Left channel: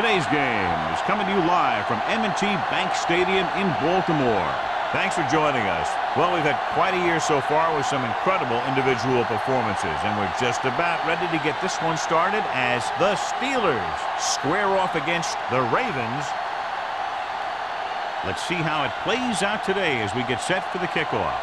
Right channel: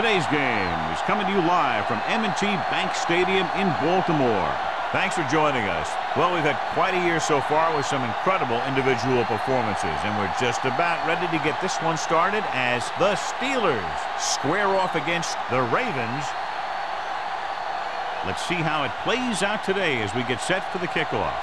Today's game is coming to you live from M&T Bank Stadium in Baltimore. Thanks for joining us. Well, we've had quite a year so far with some incredible individual performances, and we're just about ready to get this one started as the Steelers square off against the Ravens. Let's see how it plays out today as we get set for the kickoff.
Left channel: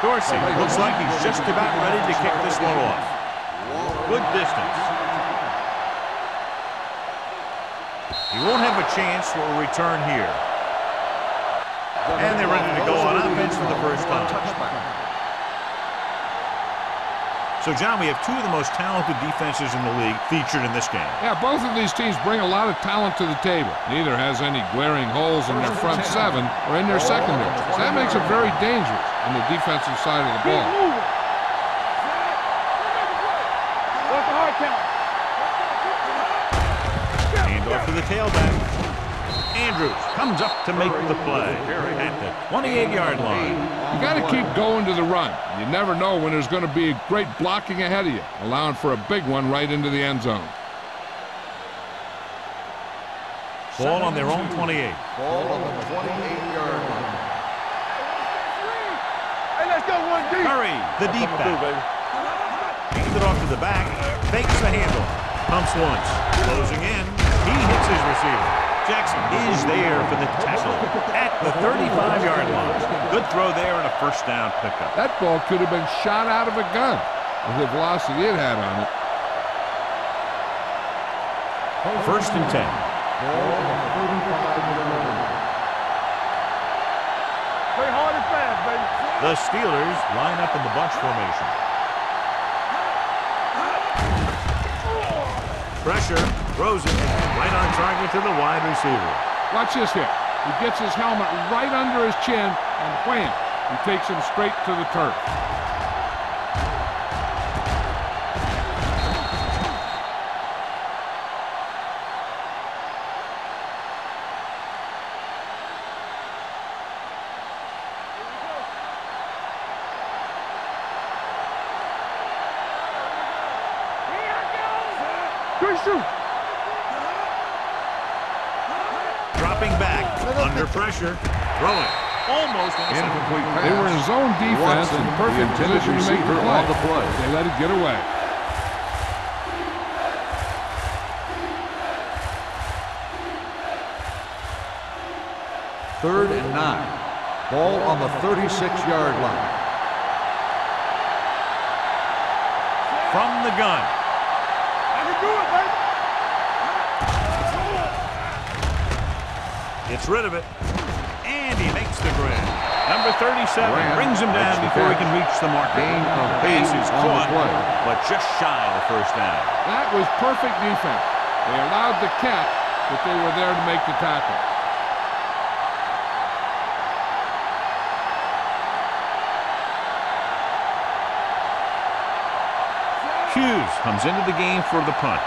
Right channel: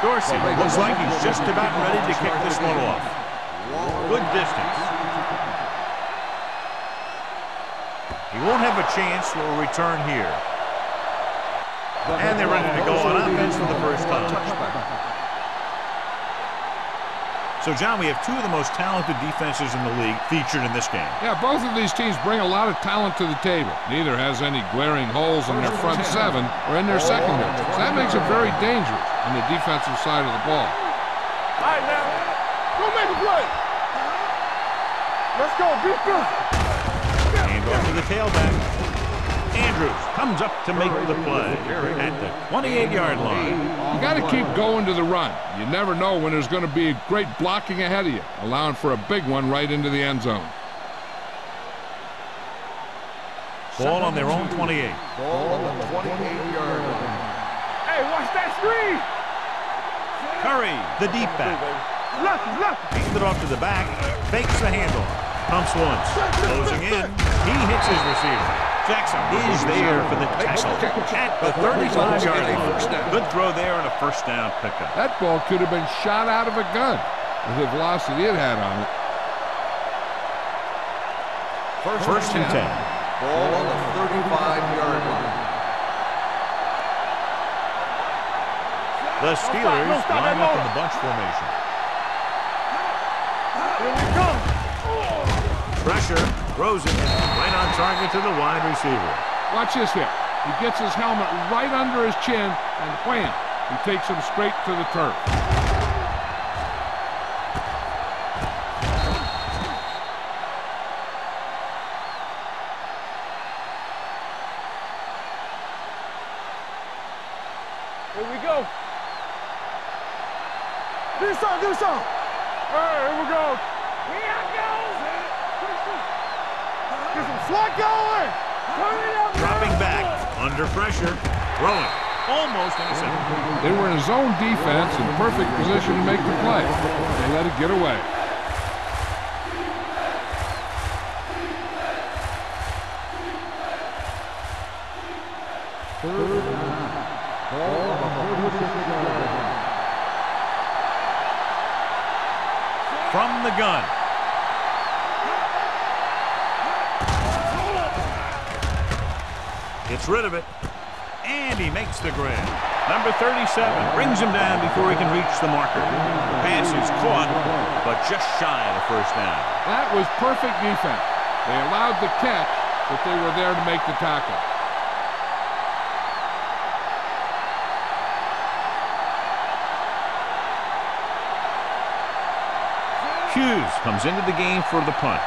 Dorsey looks like he's just about ready to kick this one off. Good distance. He won't have a chance for a return here. And they're ready to go on offense for the first time. So, John, we have two of the most talented defenses in the league featured in this game. Yeah, both of these teams bring a lot of talent to the table. Neither has any glaring holes in their front seven or in their secondary. So that makes it very dangerous on the defensive side of the ball. Hand off to the tailback. Andrews comes up to make the play at the 28-yard line. You got to keep going to the run. You never know when there's going to be a great blocking ahead of you, allowing for a big one right into the end zone. Ball on their own 28. Ball on the 28-yard line. Hey, watch that screen. Hey, let's go one deep. Curry, the deep back. Hand it off to the back. Fakes the handoff. Pumps once. Closing in. He hits his receiver. Jackson is there for the tackle at the 35-yard line. Good throw there and a first down pickup. That ball could have been shot out of a gun with the velocity it had on it. First and 10. Ball on the 35-yard line. The Steelers line up in the bunch formation. Pressure, throws it right on target to the wide receiver. Watch this here. He gets his helmet right under his chin, and wham, he takes him straight to the turf. Here we go. Do something. All right, here we go. Here I go. Good shoot. Get some slack going. Dropping back, under pressure, throwing, almost intercepted. They were in zone defense in perfect position to make the play. They let it get away. Third and 9. Ball on the 36-yard line. From the gun. Gets rid of it, and he makes the grab. Number 37 brings him down before he can reach the marker. Pass is caught, but just shy of the first down. That was perfect defense. They allowed the catch, but they were there to make the tackle. Hughes comes into the game for the punt.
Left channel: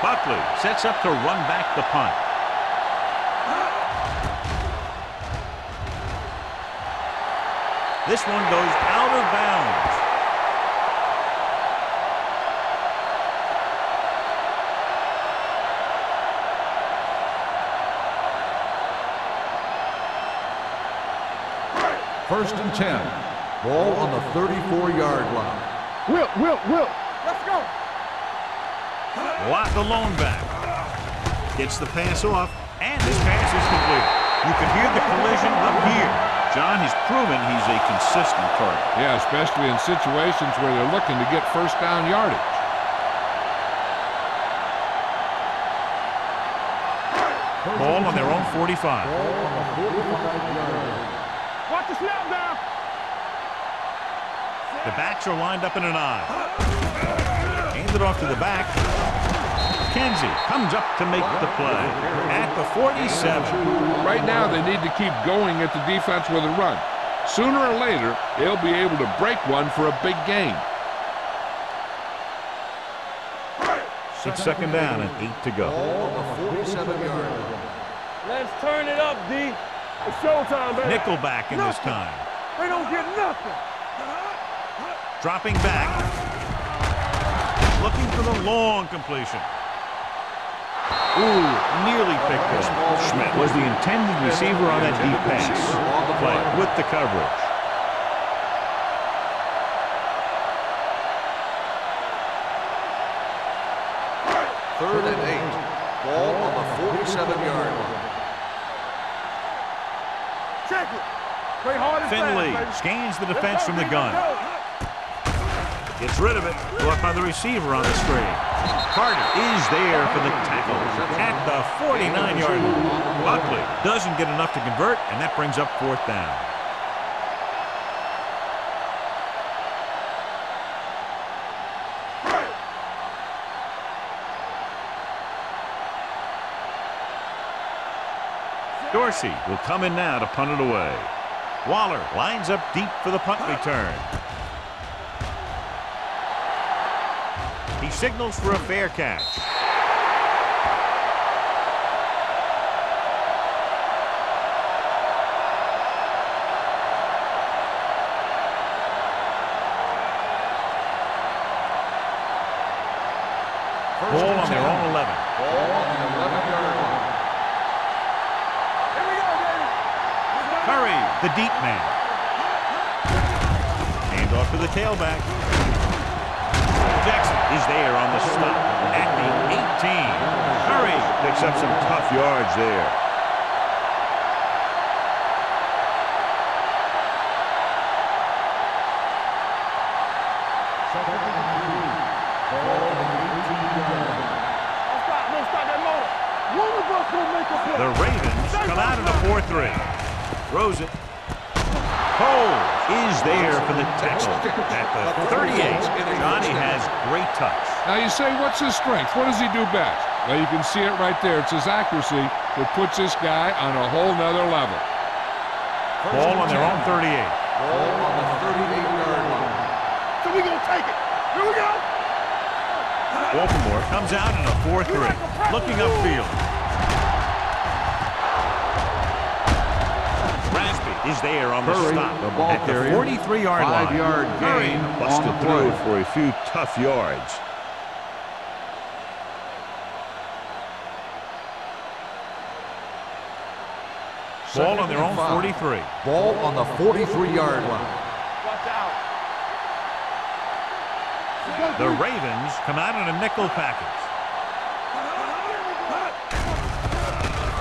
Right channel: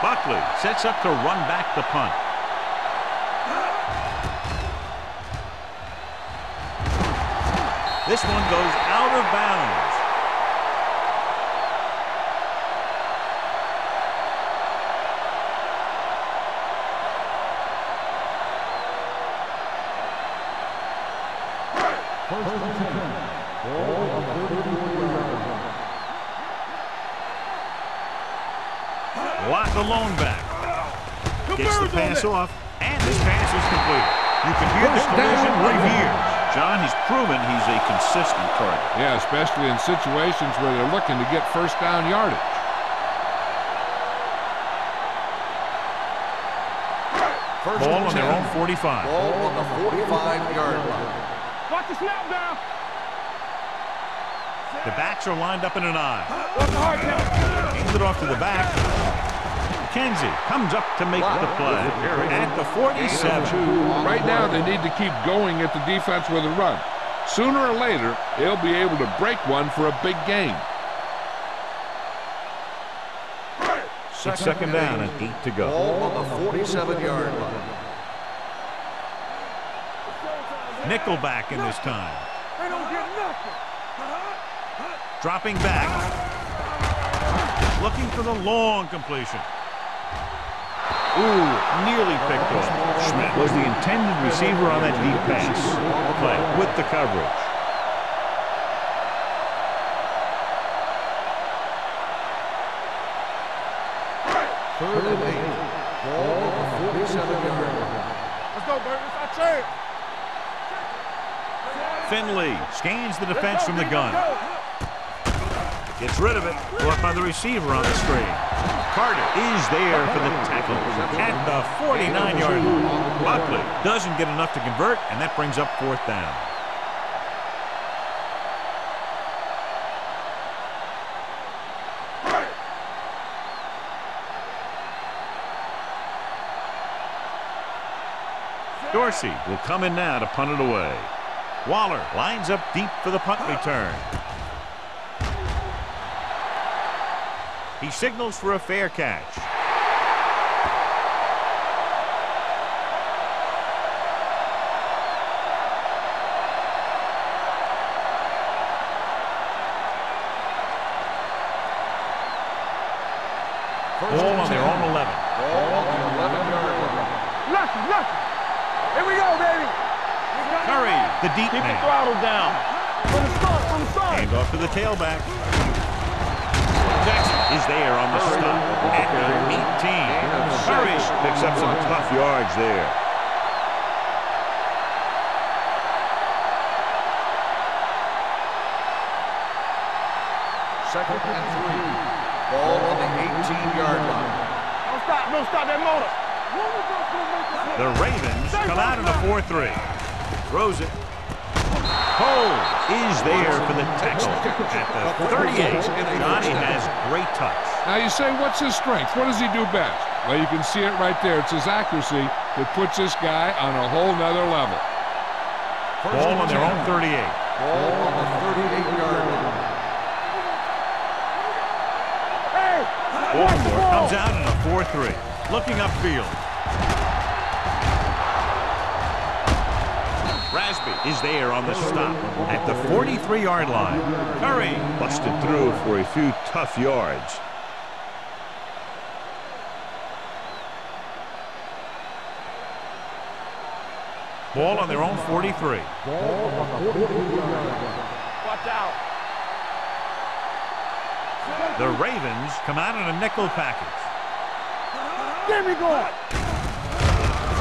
Buckley sets up to run back the punt. This one goes out of bounds. First and 10. Ball on the 34-yard line. Will. Let's go. Watt the lone back. Gets the pass off, and this pass is completed. You can hear the collision right here. John, he's proven he's a consistent target. Yeah, especially in situations where they're looking to get first down yardage. Ball on their own 45. Ball on the 45-yard line. Watch the snap down. The backs are lined up in an I. Hands it off to the back. Kenzie comes up to make the play at the 47. Right now, they need to keep going at the defense with a run. Sooner or later, they'll be able to break one for a big gain. It's second down and 8 to go. Ball on the 47-yard line. Let's turn it up, D. It's showtime, baby. Nickelback in this time. They don't get nothing. Dropping back. Looking for the long completion. Ooh, nearly picked off. Schmidt was the intended receiver on that deep pass. Play with the coverage. Third and 8. Ball on the 47-yard line. Let's go, baby. It's our chance. Check it. Play hard and Finley fast, baby. scans the Let's defense go, from the D, gun. let's go. Gets rid of it. Brought by the receiver on the screen. Carter is there for the tackle at the 49-yard line. Buckley doesn't get enough to convert, and that brings up fourth down. Dorsey will come in now to punt it away. Waller lines up deep for the punt return. He signals for a fair catch. Ball on their own 11. Ball on the 11-yard line. Nothing. Here we go, baby. Curry, the deep Keep the man. throttle down. From the start. Hand off to the tailback. Jackson is there on the stop at the 18. Curry picks up some tough yards there. Second and 3. Ball on the 18-yard line. Don't stop that motor. One of us gonna make a play. The Ravens come out in a 4-3. Throws it. Cole is there for the tackle at the 38. Johnny has great touch. Now you say, what's his strength? What does he do best? Well, you can see it right there. It's his accuracy that puts this guy on a whole nother level. Ball on their own 38. Ball on the 38-yard line. So we gonna take it. Here we go. Hey. Baltimore comes out in a 4-3. Looking upfield. Rasby is there on the stop at the 43-yard line. Curry busted through for a few tough yards. Ball on their own 43. Ball on the 43-yard line. Watch out. The Ravens come out in a nickel package. There we go.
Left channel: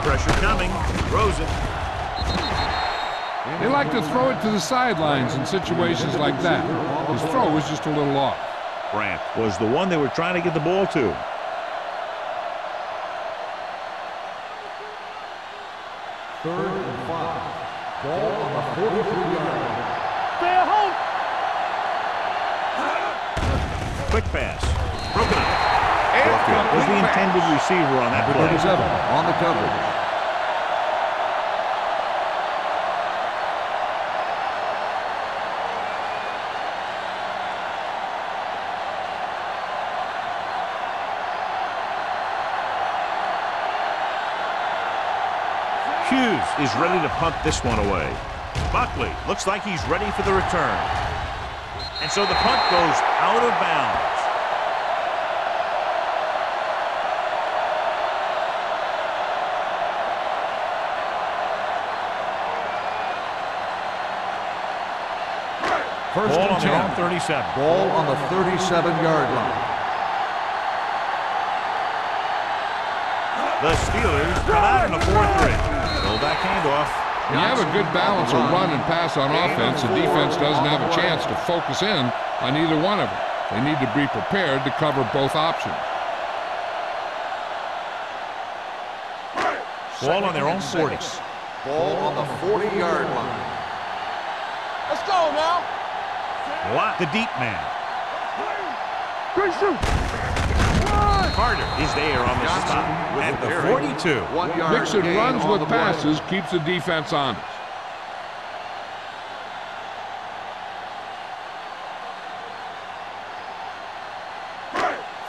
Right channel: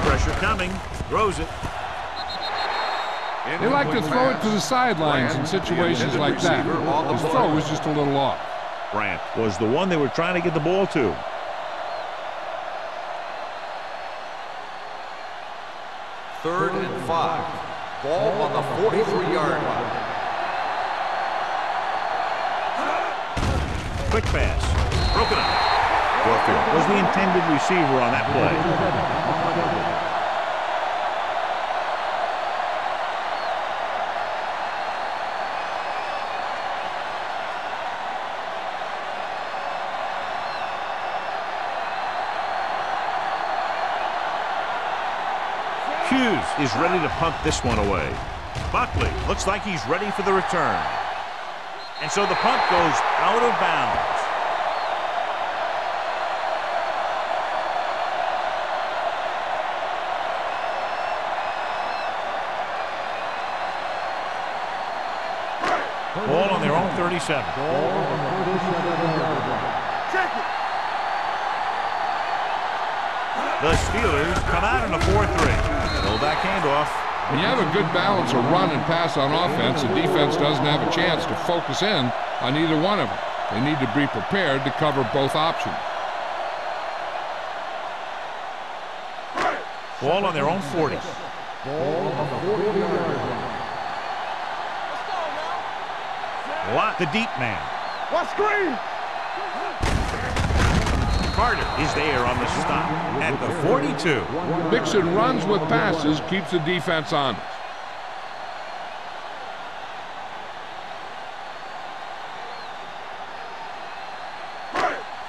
Pressure coming. Throws it. They like to throw it to the sidelines in situations like that. His throw was just a little off. Brandt was the one they were trying to get the ball to. Third and 5. Ball on the 43-yard line. Stay at home. Quick pass. Broken up. Warfield was the intended receiver on that play. 27 on the coverage. Hughes is ready to punt this one away. Buckley looks like he's ready for the return. And so the punt goes out of bounds. Ball on their own 37. Ball on the 37-yard line. The Steelers come out in a 4-3. Fullback handoff. When you have a good balance of run and pass on offense, the defense doesn't have a chance to focus in on either one of them. They need to be prepared to cover both options. Ball on their own 40. Ball on the 40-yard line. Let's go now. Watt, the deep man. Let's screen. Quick shoot. Carter is there on the stop at the 42. Mixing runs with passes keeps the defense honest.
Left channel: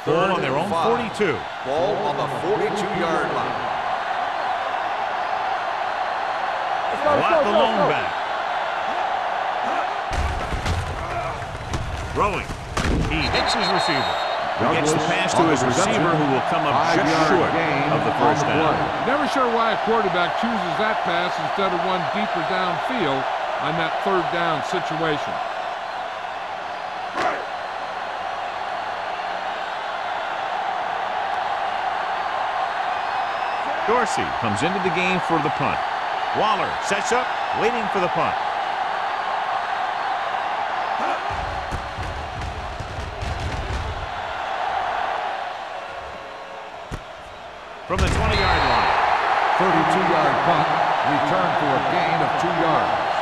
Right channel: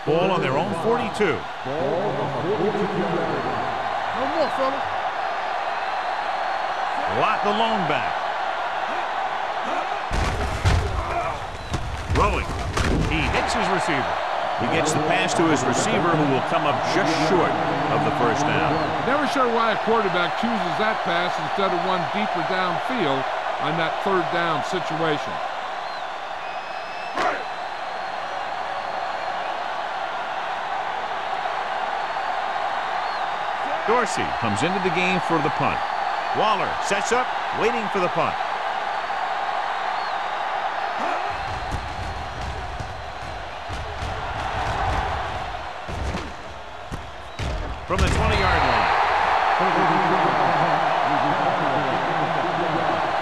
Ball on their own 42. Ball on the 42-yard line. No more, fella. Lot the lone back. Throwing. He hits his receiver. He gets the pass to his receiver, who will come up just short of the first down. Never sure why a quarterback chooses that pass instead of one deeper downfield on that third down situation. Dorsey comes into the game for the punt. Waller sets up, waiting for the punt. From the 20-yard line. 32-yard punt, return for a gain of 2 yards.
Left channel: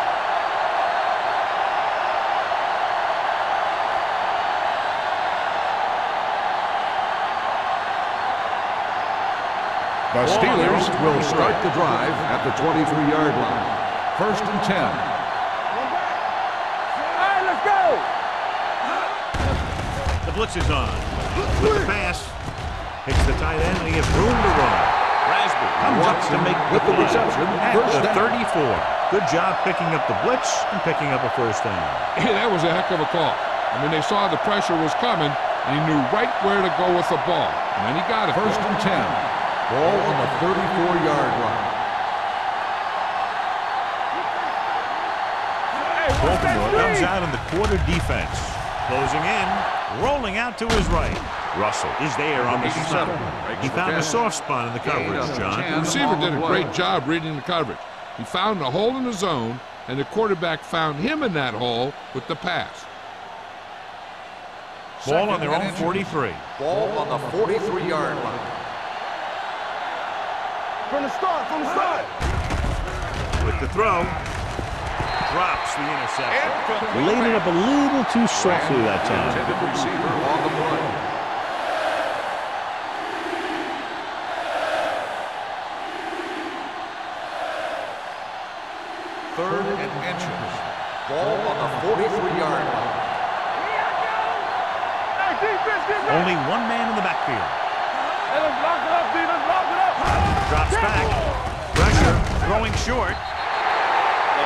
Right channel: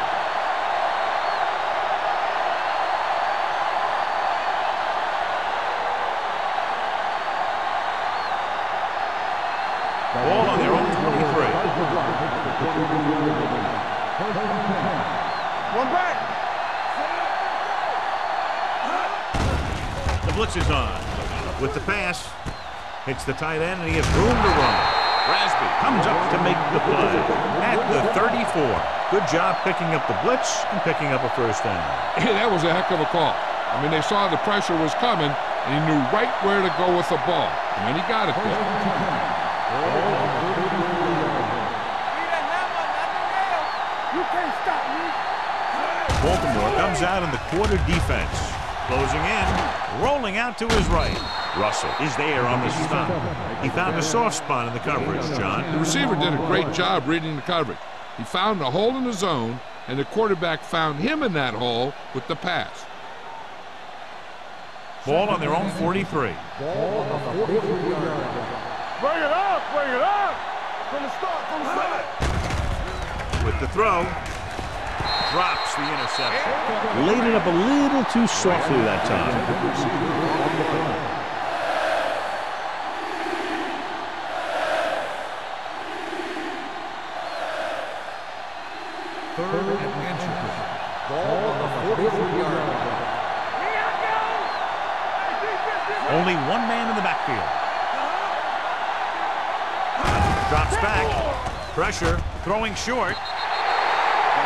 The Ball on their own Steelers will 23. start the drive at the 23-yard line. 1st and 10. One back. All right, let's go. The blitz is on. With the pass, hits the tight end, and he has room to run. Rasby comes up to make the play at the 34. Good job picking up the blitz and picking up a first down. Hey, that was a heck of a call. I mean, they saw the pressure was coming, and he knew right where to go with the ball. And then he got it. 1st and 10. Ball on the 34-yard line. You can't stop me. Baltimore comes out in the quarter defense. Closing in, rolling out to his right. Russell is there on the stop. He found a soft spot in the coverage, John. The receiver did a great job reading the coverage. He found a hole in the zone, and the quarterback found him in that hole with the pass. Ball on their own 43. Ball on the 43-yard line. Bring it up, bring it up. From the start, from the start. With the throw, drops the interception. Laid it up a little too softly that time. Intended receiver on the play. Third and inches. Ball on the 43-yard line. Here I go. Hey, defense, get ready. Only one man in the backfield. Lock it up, defense, lock it up. Drops back. Pressure. Throwing short.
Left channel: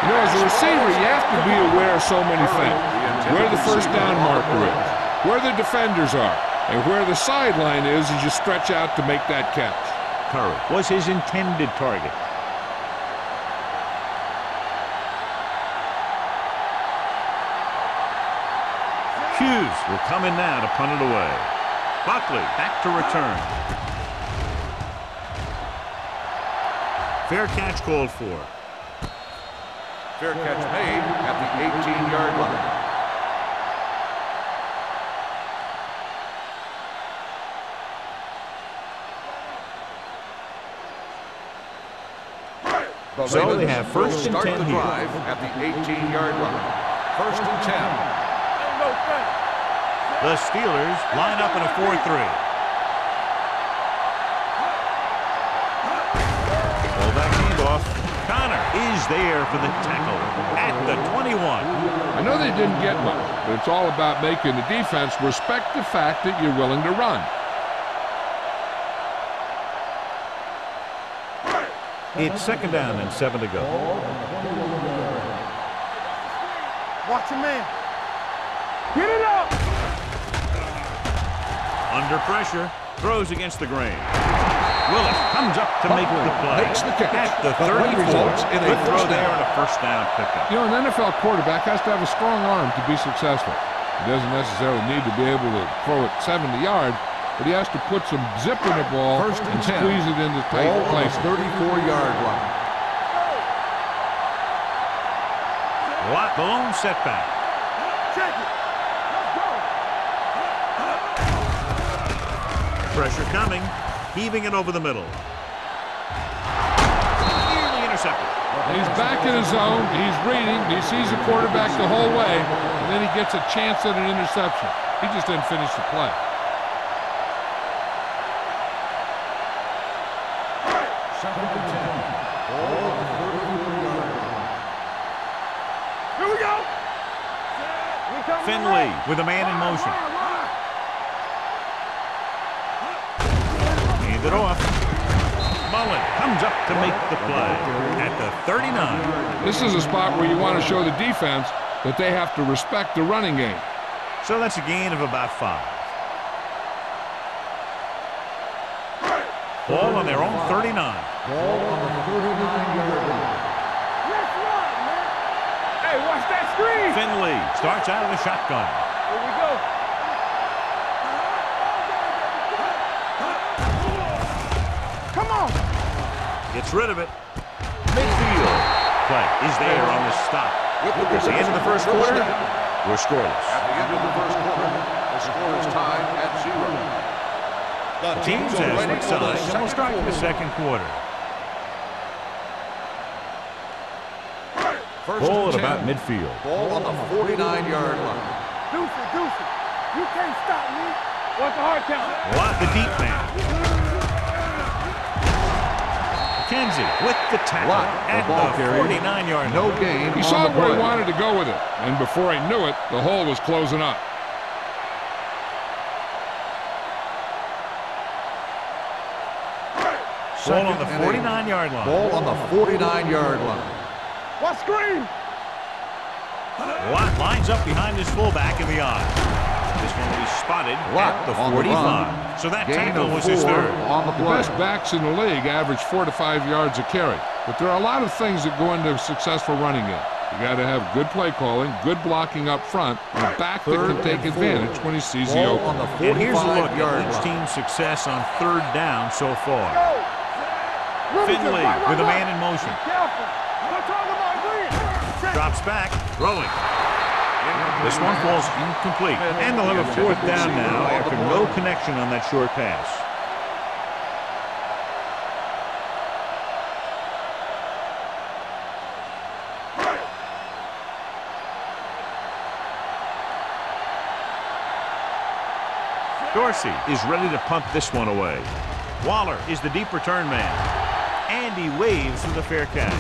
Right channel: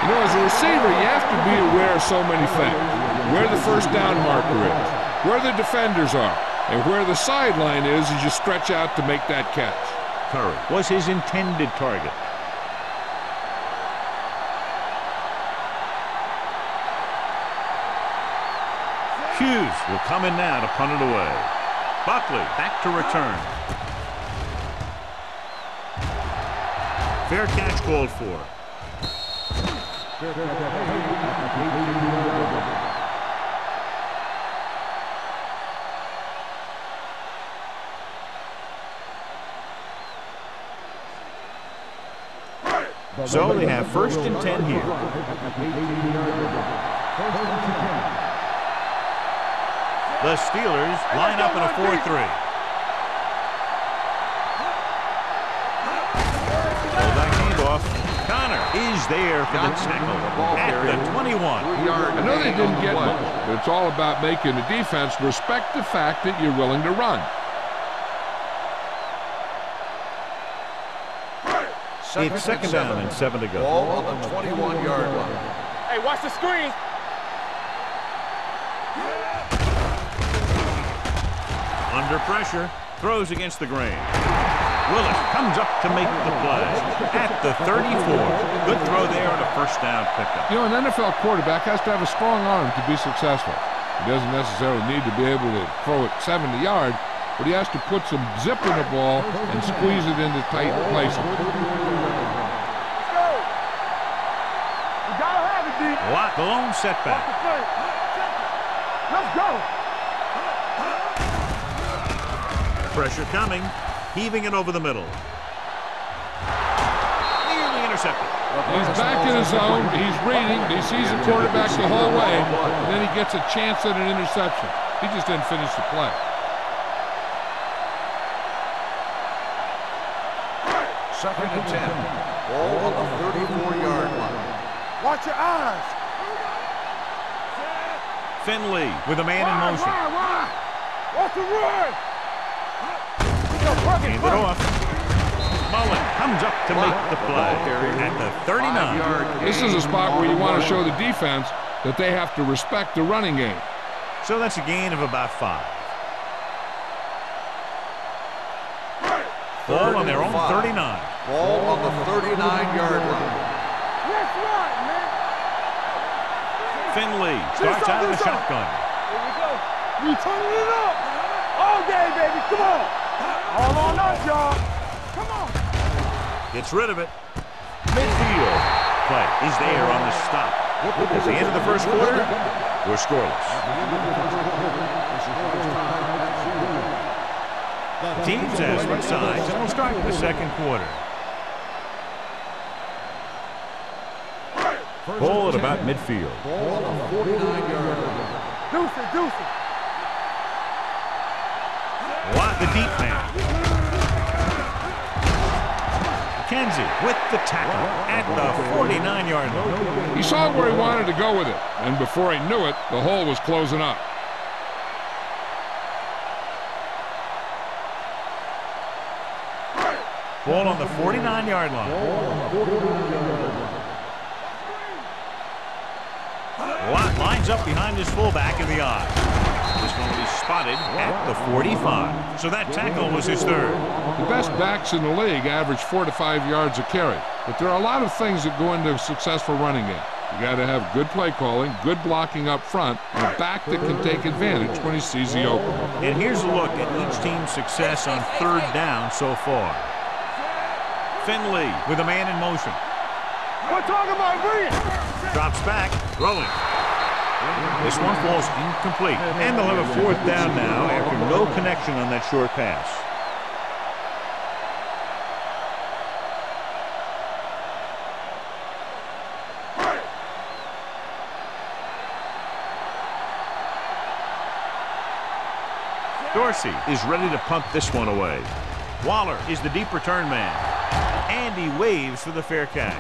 You know, as a receiver, you have to be aware of so many things. Where the first down marker is, where the defenders are, and where the sideline is as you stretch out to make that catch. Curry was his intended target. Hughes will come in now to punt it away. Buckley back to return. Fair catch called for. Fair catch made at the 18-yard line. So they have 1st and 10 here. At the 18-yard line. 1st and 10. The Steelers line up in a 4-3. Fullback handoff. Connor is there for the tackle at the 21. I know they didn't get much, but it's all about making the defense respect the fact that you're willing to run. It's 2nd down and 7 to go. Ball on the 21-yard line. Hey, watch the screen. Watch your man. Get it up. Under pressure, throws against the grain. Willis comes up to make the play at the 34. Good throw there and a first down pickup. You know, an NFL quarterback has to have a strong arm to be successful. He doesn't necessarily need to be able to throw it 70 yards, but he has to put some zip in the ball and squeeze it into tight places. 34-yard line. Let's go. You gotta have it, dude. Lot the lone setback. Check it. Let's go. Pressure coming, heaving it over the middle. Nearly intercepted. He's back in his zone. He's reading. He sees the quarterback the whole way, and then he gets a chance at an interception. He just didn't finish the play. 2nd and 10. Ball on the 34-yard line. Watch your eyes. Here we go. Finley with a man in motion. Wide. Watch the run. Hand it off. Mullen comes up to make the play at the 39. This is a spot where you want to show the defense that they have to respect the running game. So that's a gain of about 5. Ball on their own 39. Ball on the 39-yard line. Let's run, man. Hey, watch that screen. Finley starts out of the shotgun. Here we go. We turning it up. All day, baby. Come on. All on, y'all. Come on. Gets rid of it. Midfield play is there on the stop. At the end of the first quarter, we're scoreless. At the end of the first quarter, the score is tied at 0. The teams have switched sides, and we'll start the second quarter. Ball at about midfield. Ball on the 49-yard line. Deuce it. You can't stop me. What's the hard count? What the deep man. McKenzie with the tackle at the 49-yard line. He saw where he wanted to go with it, and before he knew it, the hole was closing up. Ball on the 49-yard line. Ball on the 49-yard line. What screen? Watt lines up behind his fullback in the eye. This one will be spotted at the 45. So that tackle was his third. The best backs in the league average 4 to 5 yards a carry. But there are a lot of things that go into a successful running game. You got to have good play calling, good blocking up front, and a back that can take advantage when he sees the opening. And here's a look at each team's success on third down so far. Finley with a man in motion. We're talking about green. Drops back, throwing. This one falls incomplete. And they'll have a fourth down now after no connection on that short pass. Dorsey is ready to punt this one away. Waller is the deep return man. And he waves for the fair catch.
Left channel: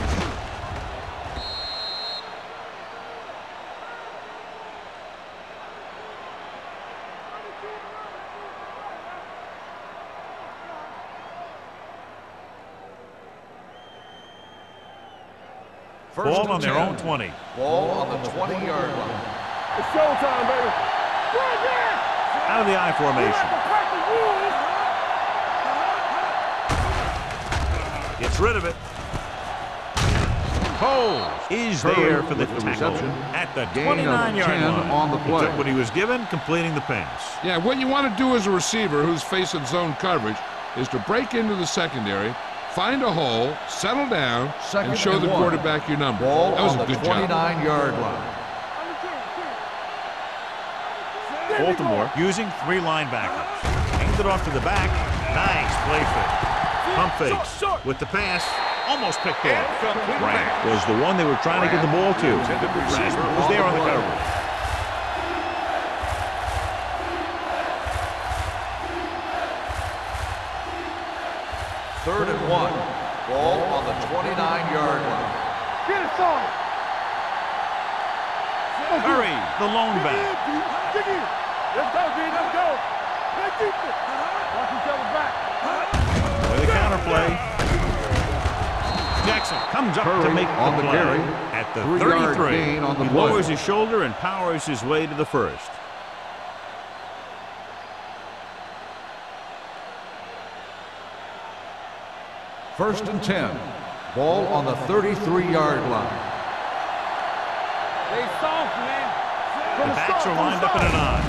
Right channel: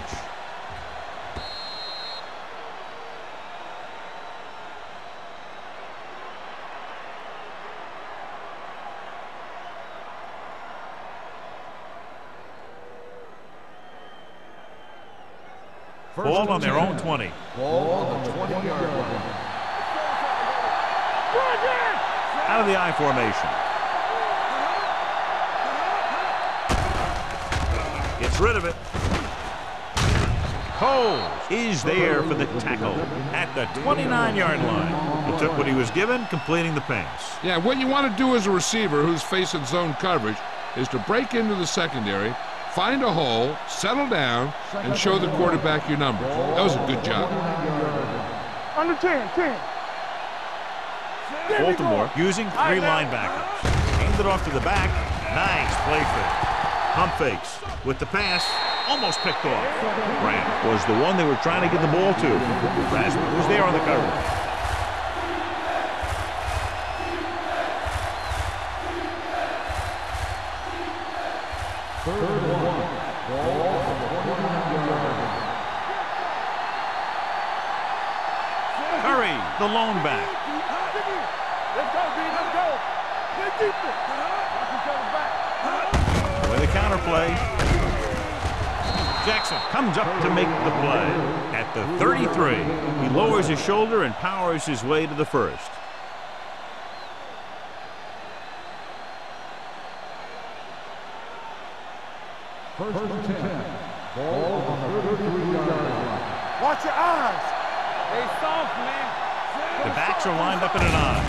Ball on their own 20. Ball on the 20-yard line. It's showtime, baby. Run again. Out of the I formation. Gets rid of it. Coles is there for the tackle at the 29-yard line. He took what he was given, completing the pass. Yeah, what you want to do as a receiver who's facing zone coverage is to break into the secondary, find a hole, settle down, and show the quarterback your numbers. That was a good job. Under 10. Baltimore using 3 linebackers. Aimed it off to the back. Nice play fake. Pump fakes with the pass. Almost picked off. Grant was the one they were trying to get the ball to. Rasmus was there on the coverage. Third and 1. Ball on the 29-yard line. Curry, the lone back. Let's go, D. Let's go. Play defense. Watch each other back. With a counter play. Jackson comes up to make the play at the 33. He lowers his shoulder and powers his way to the first. First and 10. Ball on the 33-yard line. Watch your eyes. They soft, man. The backs are lined up in an I.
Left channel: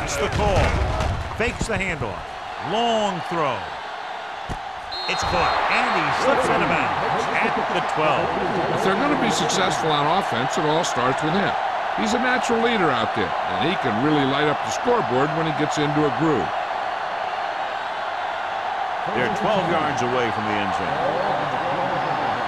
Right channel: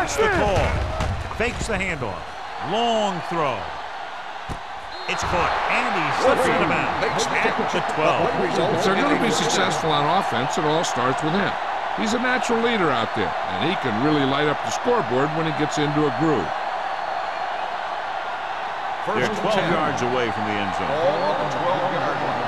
Gets the call. Fakes the handoff. Long throw. It's caught, and he slips out of bounds at the 12. If they're going to be successful on offense, it all starts with him. He's a natural leader out there, and he can really light up the scoreboard when he gets into a groove. They're 12 yards away from the end zone. Ball on the 12-yard line.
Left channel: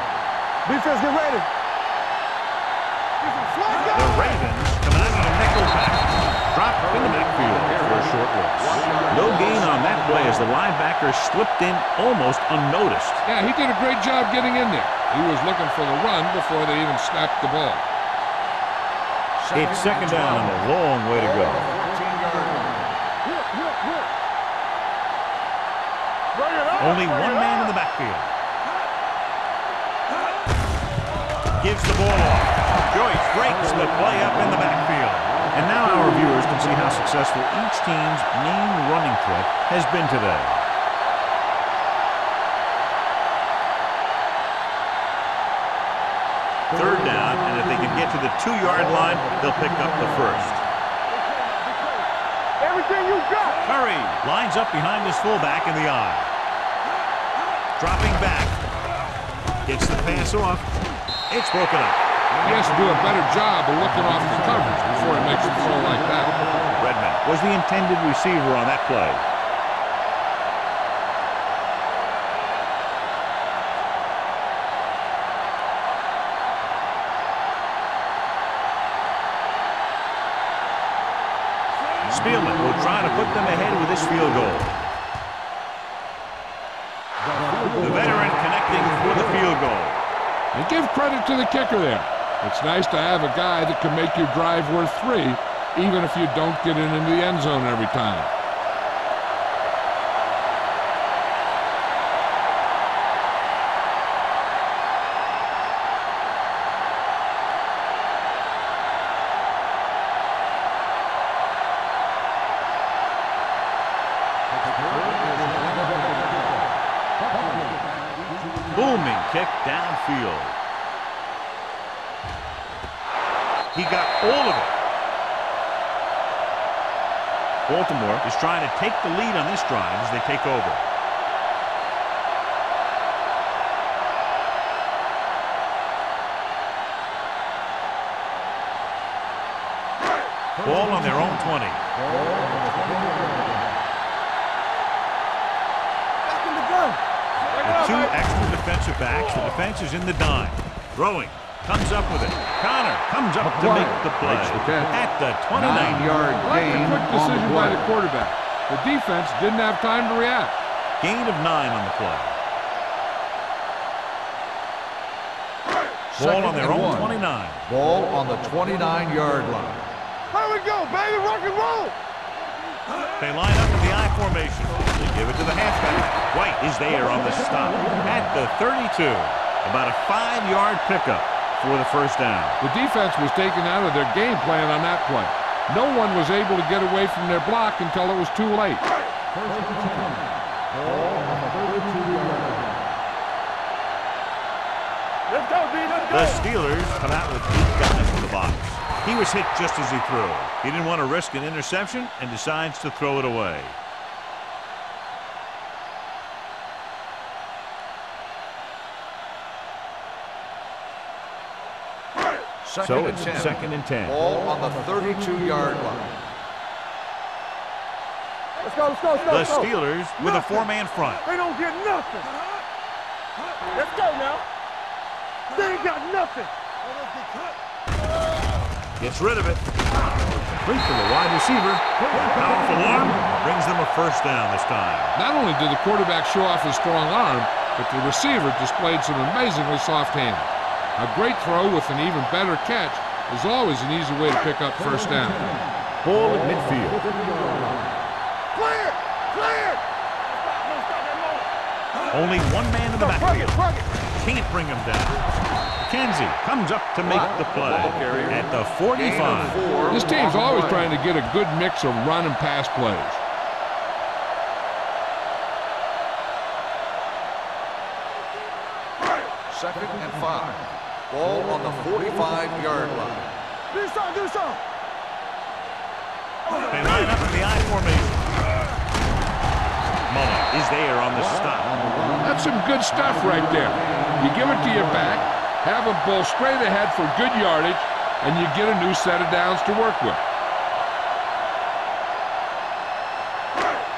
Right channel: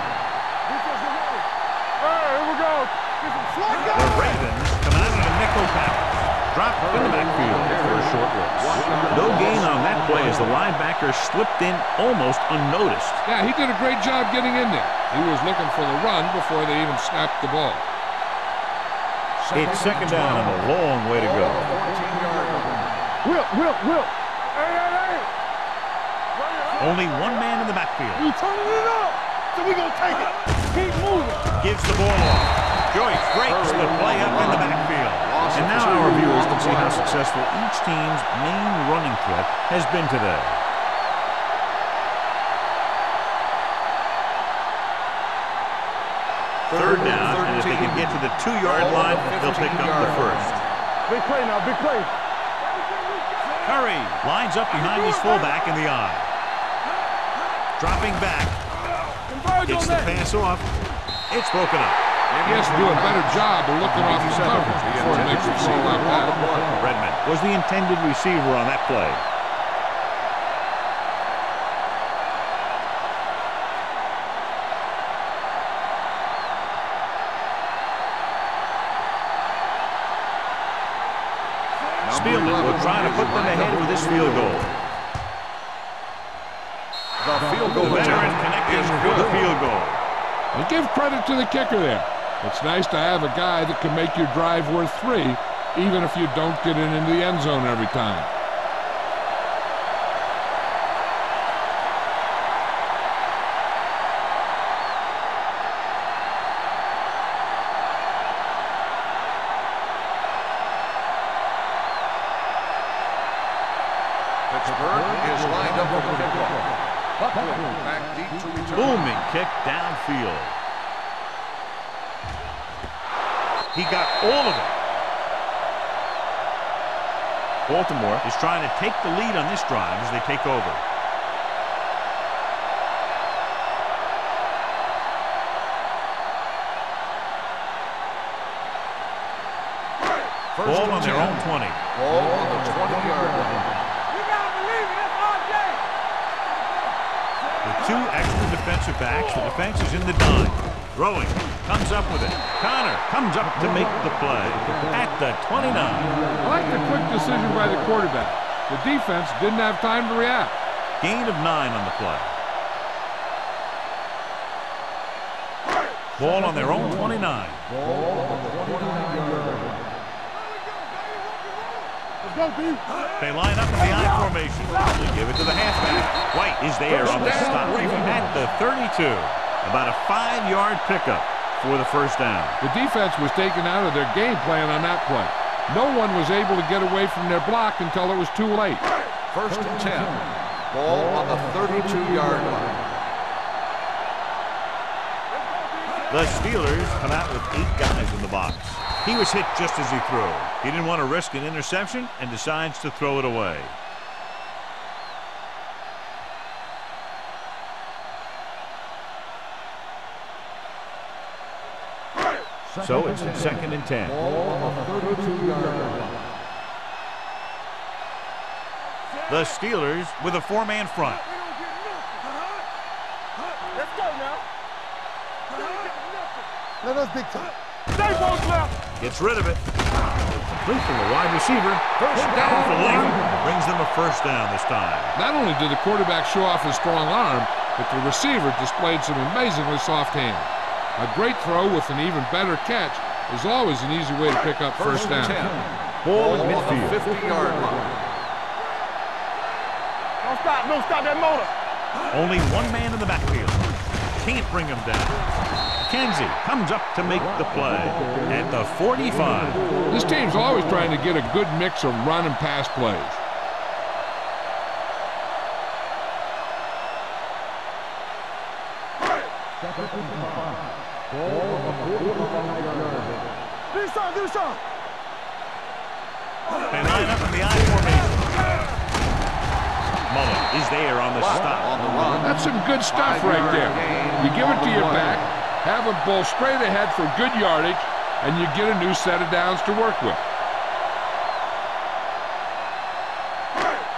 Defense, get ready. Here we go. Get some slide. The Ravens come out in a nickel package. Dropped in the backfield for a short loss. No gain on that play as the linebacker slipped in almost unnoticed. Yeah, he did a great job getting in there. He was looking for the run before they even snapped the ball. It's second down and a long way to go. Ball on the 14-yard line. Whip. Only one man in the backfield. You turning it up. So we gonna take it. Keep moving. Gives the ball off. Joyce breaks the play up in the backfield. And now our viewers can see how successful each team's main running threat has been today. Third down, and if they can get to the 2-yard line, they'll pick up the first. Big play now, big play. Everything you got. Curry lines up behind his fullback in the eye. Dropping back. Gets the pass off. It's broken up. He has to do a better job of looking off the coverage before he makes a throw like that. Redmond was the intended receiver on that play. Spielman will try to put them ahead with this field goal. The veteran connecting for the field goal. And give credit to the kicker there. It's nice to have a guy that can make your drive worth 3, even if you don't get it into the end zone every time. Booming kick downfield. He got all of it. Baltimore is trying to take the lead on this drive as they take over. Ball on their own 20. Ball on the 20-yard line. With 2 extra defensive backs, the defense is in the dime. Throwing, comes up with it. Connor comes up to make the play at the 29. I like the quick decision by the quarterback. The defense didn't have time to react. Gain of 9 on the play. Ball on their own 29. Ball on the 29-yard line. Here we go, baby. Rock and roll. Let's go, D. They line up in the I formation. They give it to the halfback. White is there on the stop at the 32. About a 5-yard pickup for the first down. The defense was taken out of their game plan on that play. No one was able to get away from their block until it was too late. First and 10. Ball on the 32-yard line. Let's go, D. The Steelers come out with 8 guys in the box. He was hit just as he threw. He didn't want to risk an interception and decides to throw it away. So it's 2nd and 10. Ball on the 32-yard line. Let's go, let's go, let's go. The Steelers with a 4-man front. They don't get nothing. Let's go now. They ain't got nothing. Let us be Gets rid of it. Complete from the wide receiver. That powerful arm brings them a first down this time. Not only did the quarterback show off his strong arm, but the receiver displayed some amazingly soft hands. A great throw with an even better catch is always an easy way to pick up first down. Ball at midfield. 50-yard line. Clear, clear. Don't stop that motor. Only one man in the backfield. Can't bring him down. McKenzie comes up to make the play at the 45. This team's always trying to get a good mix of run and pass plays. Second and 5. Ball on the 45-yard line. Do something, do something. They line up in the I formation. Mullen is there on the stop. That's some good stuff right there. You give it to your back, have him pull straight ahead for good yardage, and you get a new set of downs to work with.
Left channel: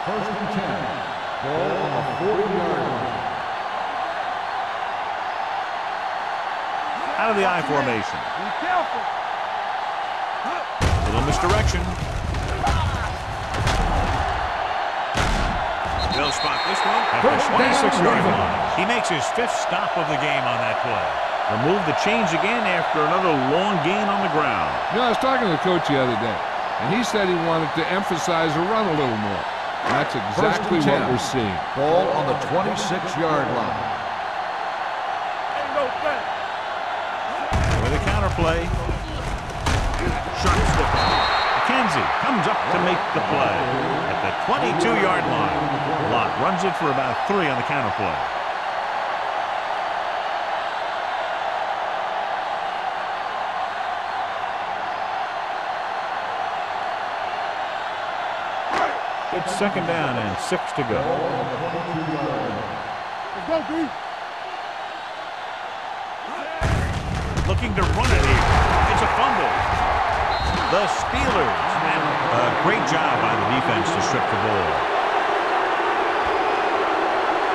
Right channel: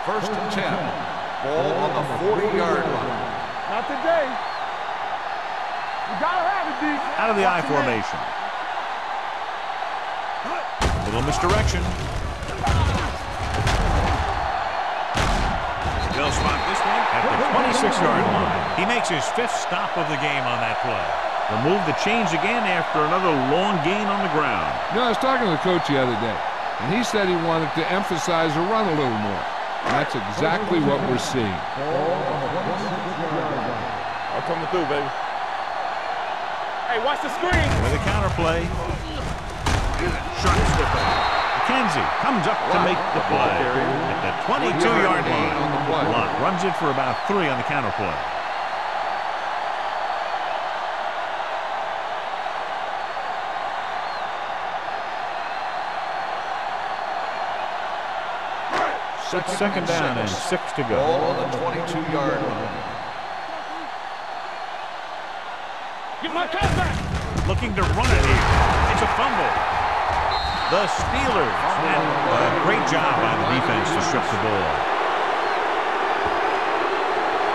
First and 10. Ball on the 40-yard line. Not today. You gotta have it, D. Out of the I formation. Be careful. Little misdirection. They'll spot this one at the 26-yard line. He makes his 5th stop of the game on that play. They'll move the chains again after another long gain on the ground. You know, I was talking to the coach the other day, and he said he wanted to emphasize the run a little more. And that's exactly what we're seeing. Ball on the 26-yard line. I'm coming through, baby. Hey, watch the screen. With a counterplay. Sharp stiff. McKenzie comes up to make the play at the 22-yard line. Lott runs it for about 3 on the counterplay. It's second down and 6 to go. Ball on the 22-yard line. Looking to run it here. It's a fumble. The Steelers had a great job by the defense to strip the ball.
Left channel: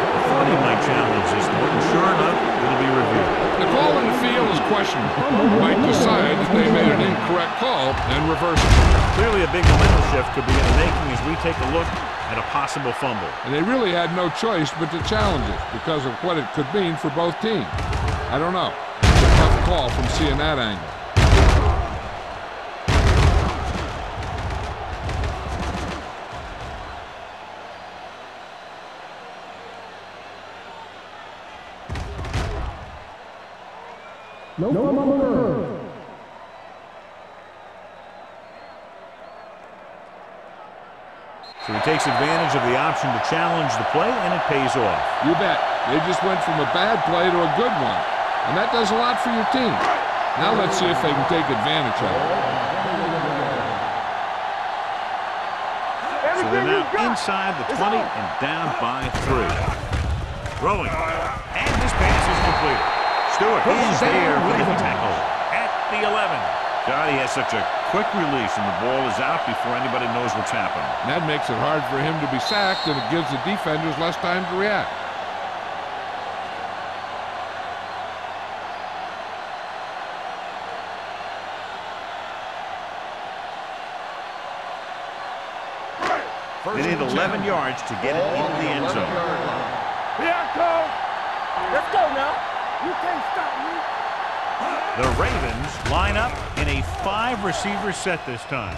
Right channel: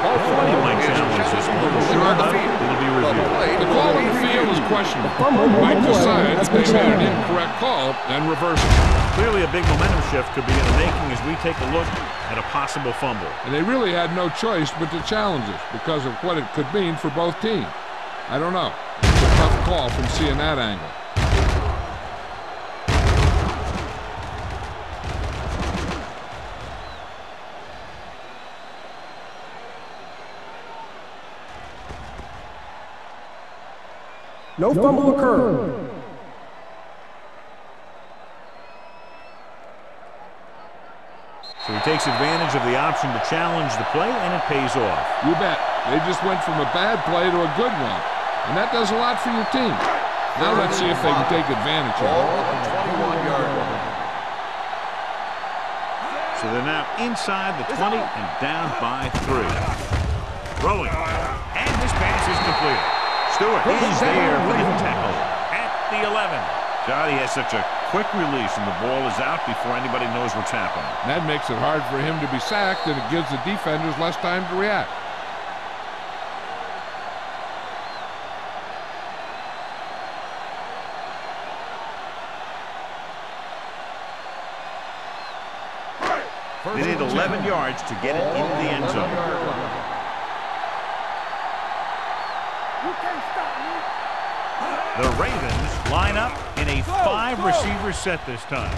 I thought he might challenge this one, and sure enough, it'll be reviewed. The call in the field is questionable. He might decide that they made an incorrect call and reverse it. Clearly a big momentum shift could be in the making as we take a look at a possible fumble. And they really had no choice but to challenge it because of what it could mean for both teams. I don't know. It's a tough call from seeing that angle. No fumble occurred. So he takes advantage of the option to challenge the play, and it pays off. You bet. They just went from a bad play to a good one. And that does a lot for your team. Now let's see if they can take advantage of it. So they're now inside the 20 and down by 3. Throwing. And this pass is completed. Stewart is there for the tackle at the 11. Johnny has such a quick release, and the ball is out before anybody knows what's happening. And that makes it hard for him to be sacked, and it gives the defenders less time to react. They need 11 yards to get it into the end zone. Here I come. Let's go now. You can't stop me. The Ravens line up in a 5-receiver set this time.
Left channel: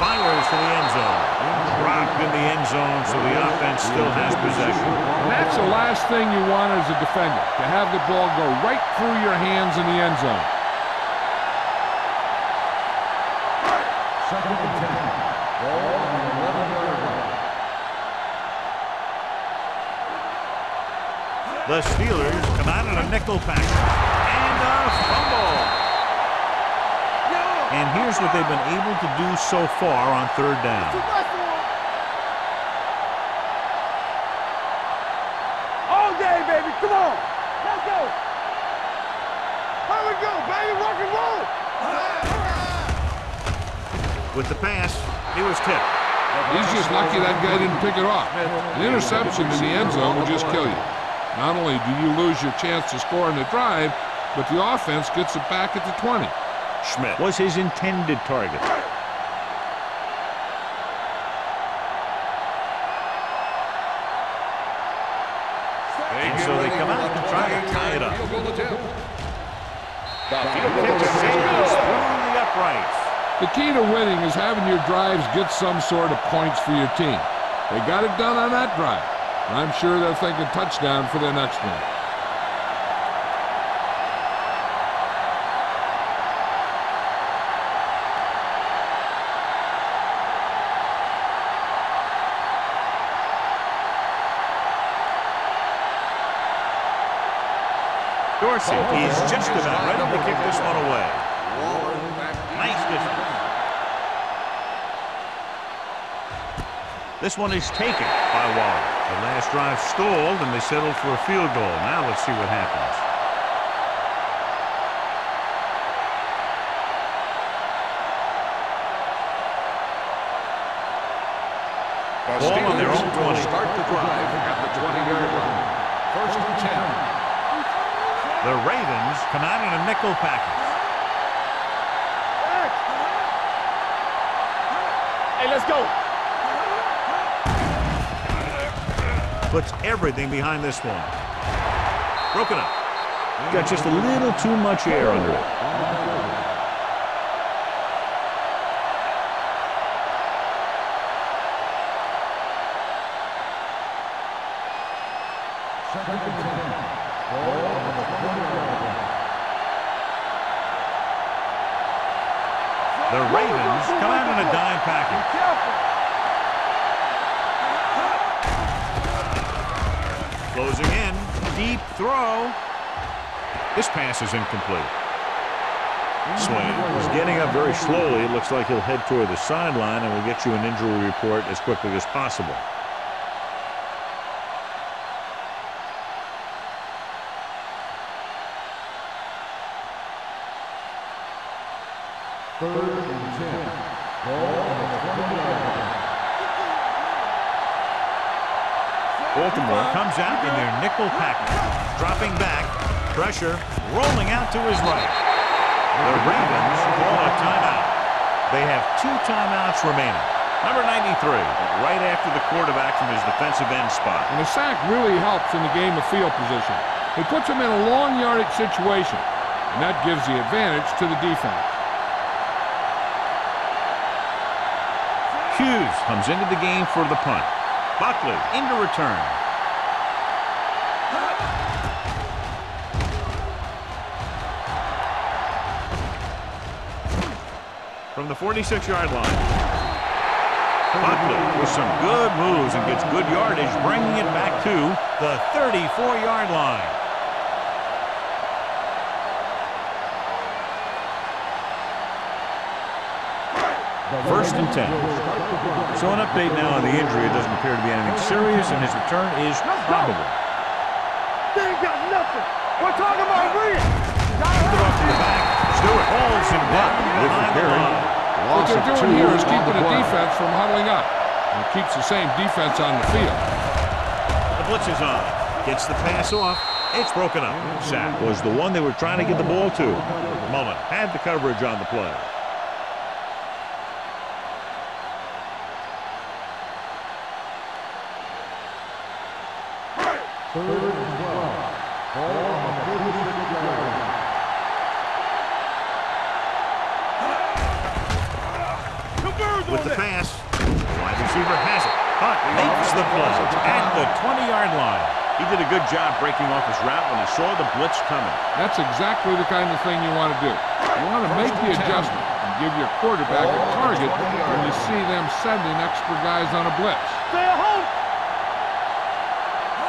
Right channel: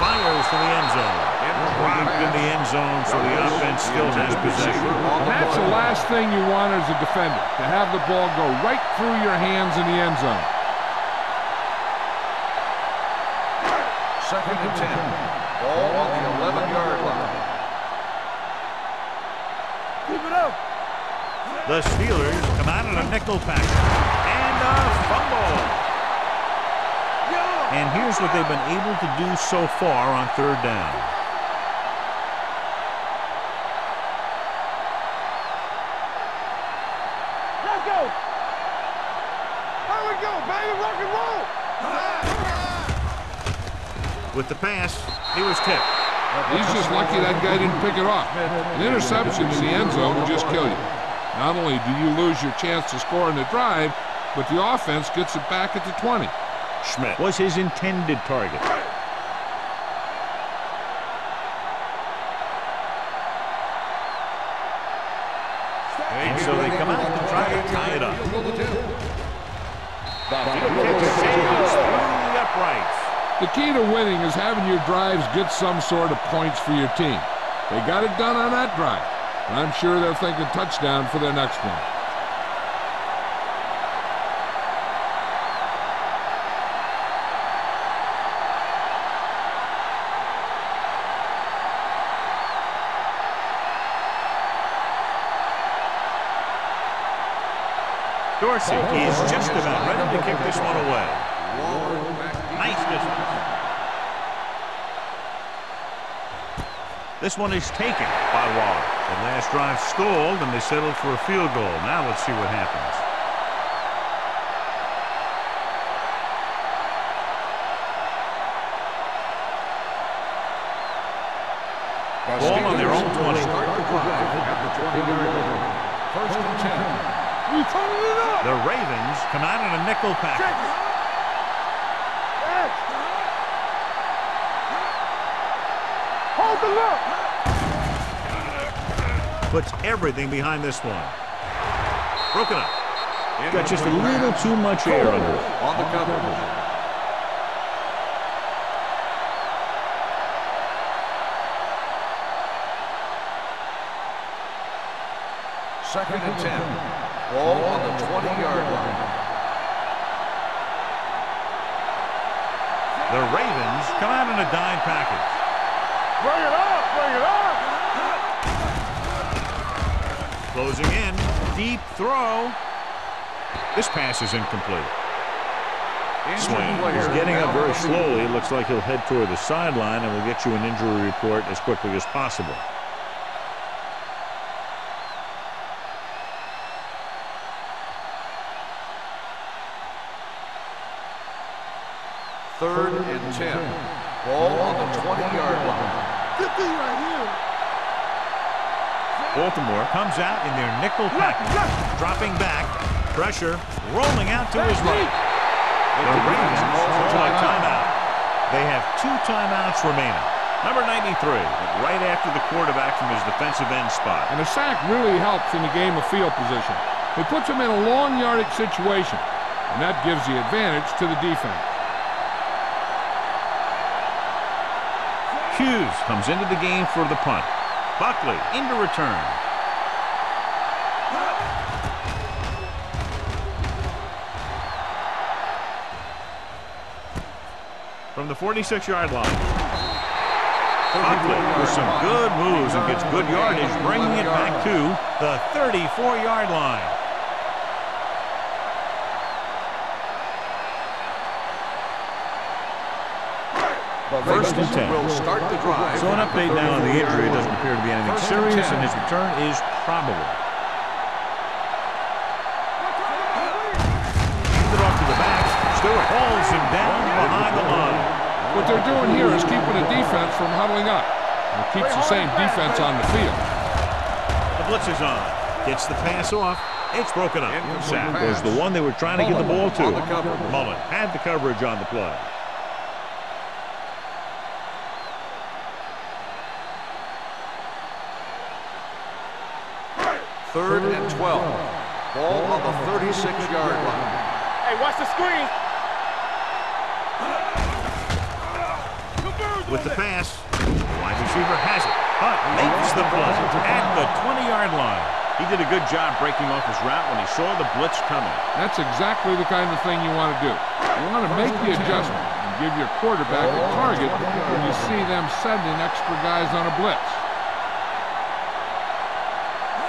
Fires to the end zone. Dropped in the end zone, so the offense still has possession. And that's the last thing you want as a defender, to have the ball go right through your hands in the end zone. Second and 10. Ball on the 11-yard line. The Steelers come out in a nickel package. And a fumble. And here's what they've been able to do so far on 3rd down. All day, baby. Come on. Let's go. Here we go, baby. Rock and roll. With the pass, he was tipped. He's just lucky that guy didn't pick it off. An interception in the end zone will just kill you. Not only do you lose your chance to score in the drive, but the offense gets it back at the 20. Schmidt was his intended target. And so they come out to try to tie it up. The field kick sails through the uprights. The key to winning is having your drives get some sort of points for your team. They got it done on that drive. And I'm sure they're thinking touchdown for their next one. Dorsey is just about ready to kick this one away. Nice distance. This one is taken by Waller. The last drive stalled, and they settled for a field goal. Now let's see what happens. Ball on their own 20. Start the drive at the 20-yard line. 1st and 10. The Ravens come out in a nickel package. Hey, let's go. Hold the look. Puts everything behind this one. Broken up. Got just a little too much air under it. On the cover. Second and 10. Ball on the 20-yard line. The Ravens come out in a dime package. Closing in. Deep throw. This pass is incomplete. Swing. He's getting up very slowly. It looks like he'll head toward the sideline, and we'll get you an injury report as quickly as possible. Third and 10. Ball on the 20-yard line. Good thing right here. Baltimore comes out in their nickel package. Dropping back. Pressure. Rolling out to his right. The Ravens call a timeout. They have 2 timeouts remaining. Number 93, right after the quarterback from his defensive end spot. And a sack really helps in the game of field position. It puts them in a long yardage situation, and that gives the advantage to the defense. Hughes comes into the game for the punt. Buckley into return. From the 46-yard line. Buckley with some good moves and gets good yardage, bringing it back to the 34-yard line. First and 10. So an update now on the injury. It doesn't appear to be anything serious, and his return is probable. They ain't got nothing. We're talking about Reed. Handed off to the back. Stewart hauls him down behind the line. What they're doing here is keeping the defense from huddling up. And it keeps the same defense on the field. The blitz is on. Gets the pass off. It's broken up. Sack was the one they were trying to get the ball to. Mullen had the coverage on the play. Third and 12. Ball on the 36-yard line. Hey, watch the screen. With the pass, the wide receiver has it. Hunt makes the play at the 20-yard line. He did a good job breaking off his route when he saw the blitz coming. That's exactly the kind of thing you want to do. You want to make the adjustment and give your quarterback a target when you see them sending extra guys on a blitz.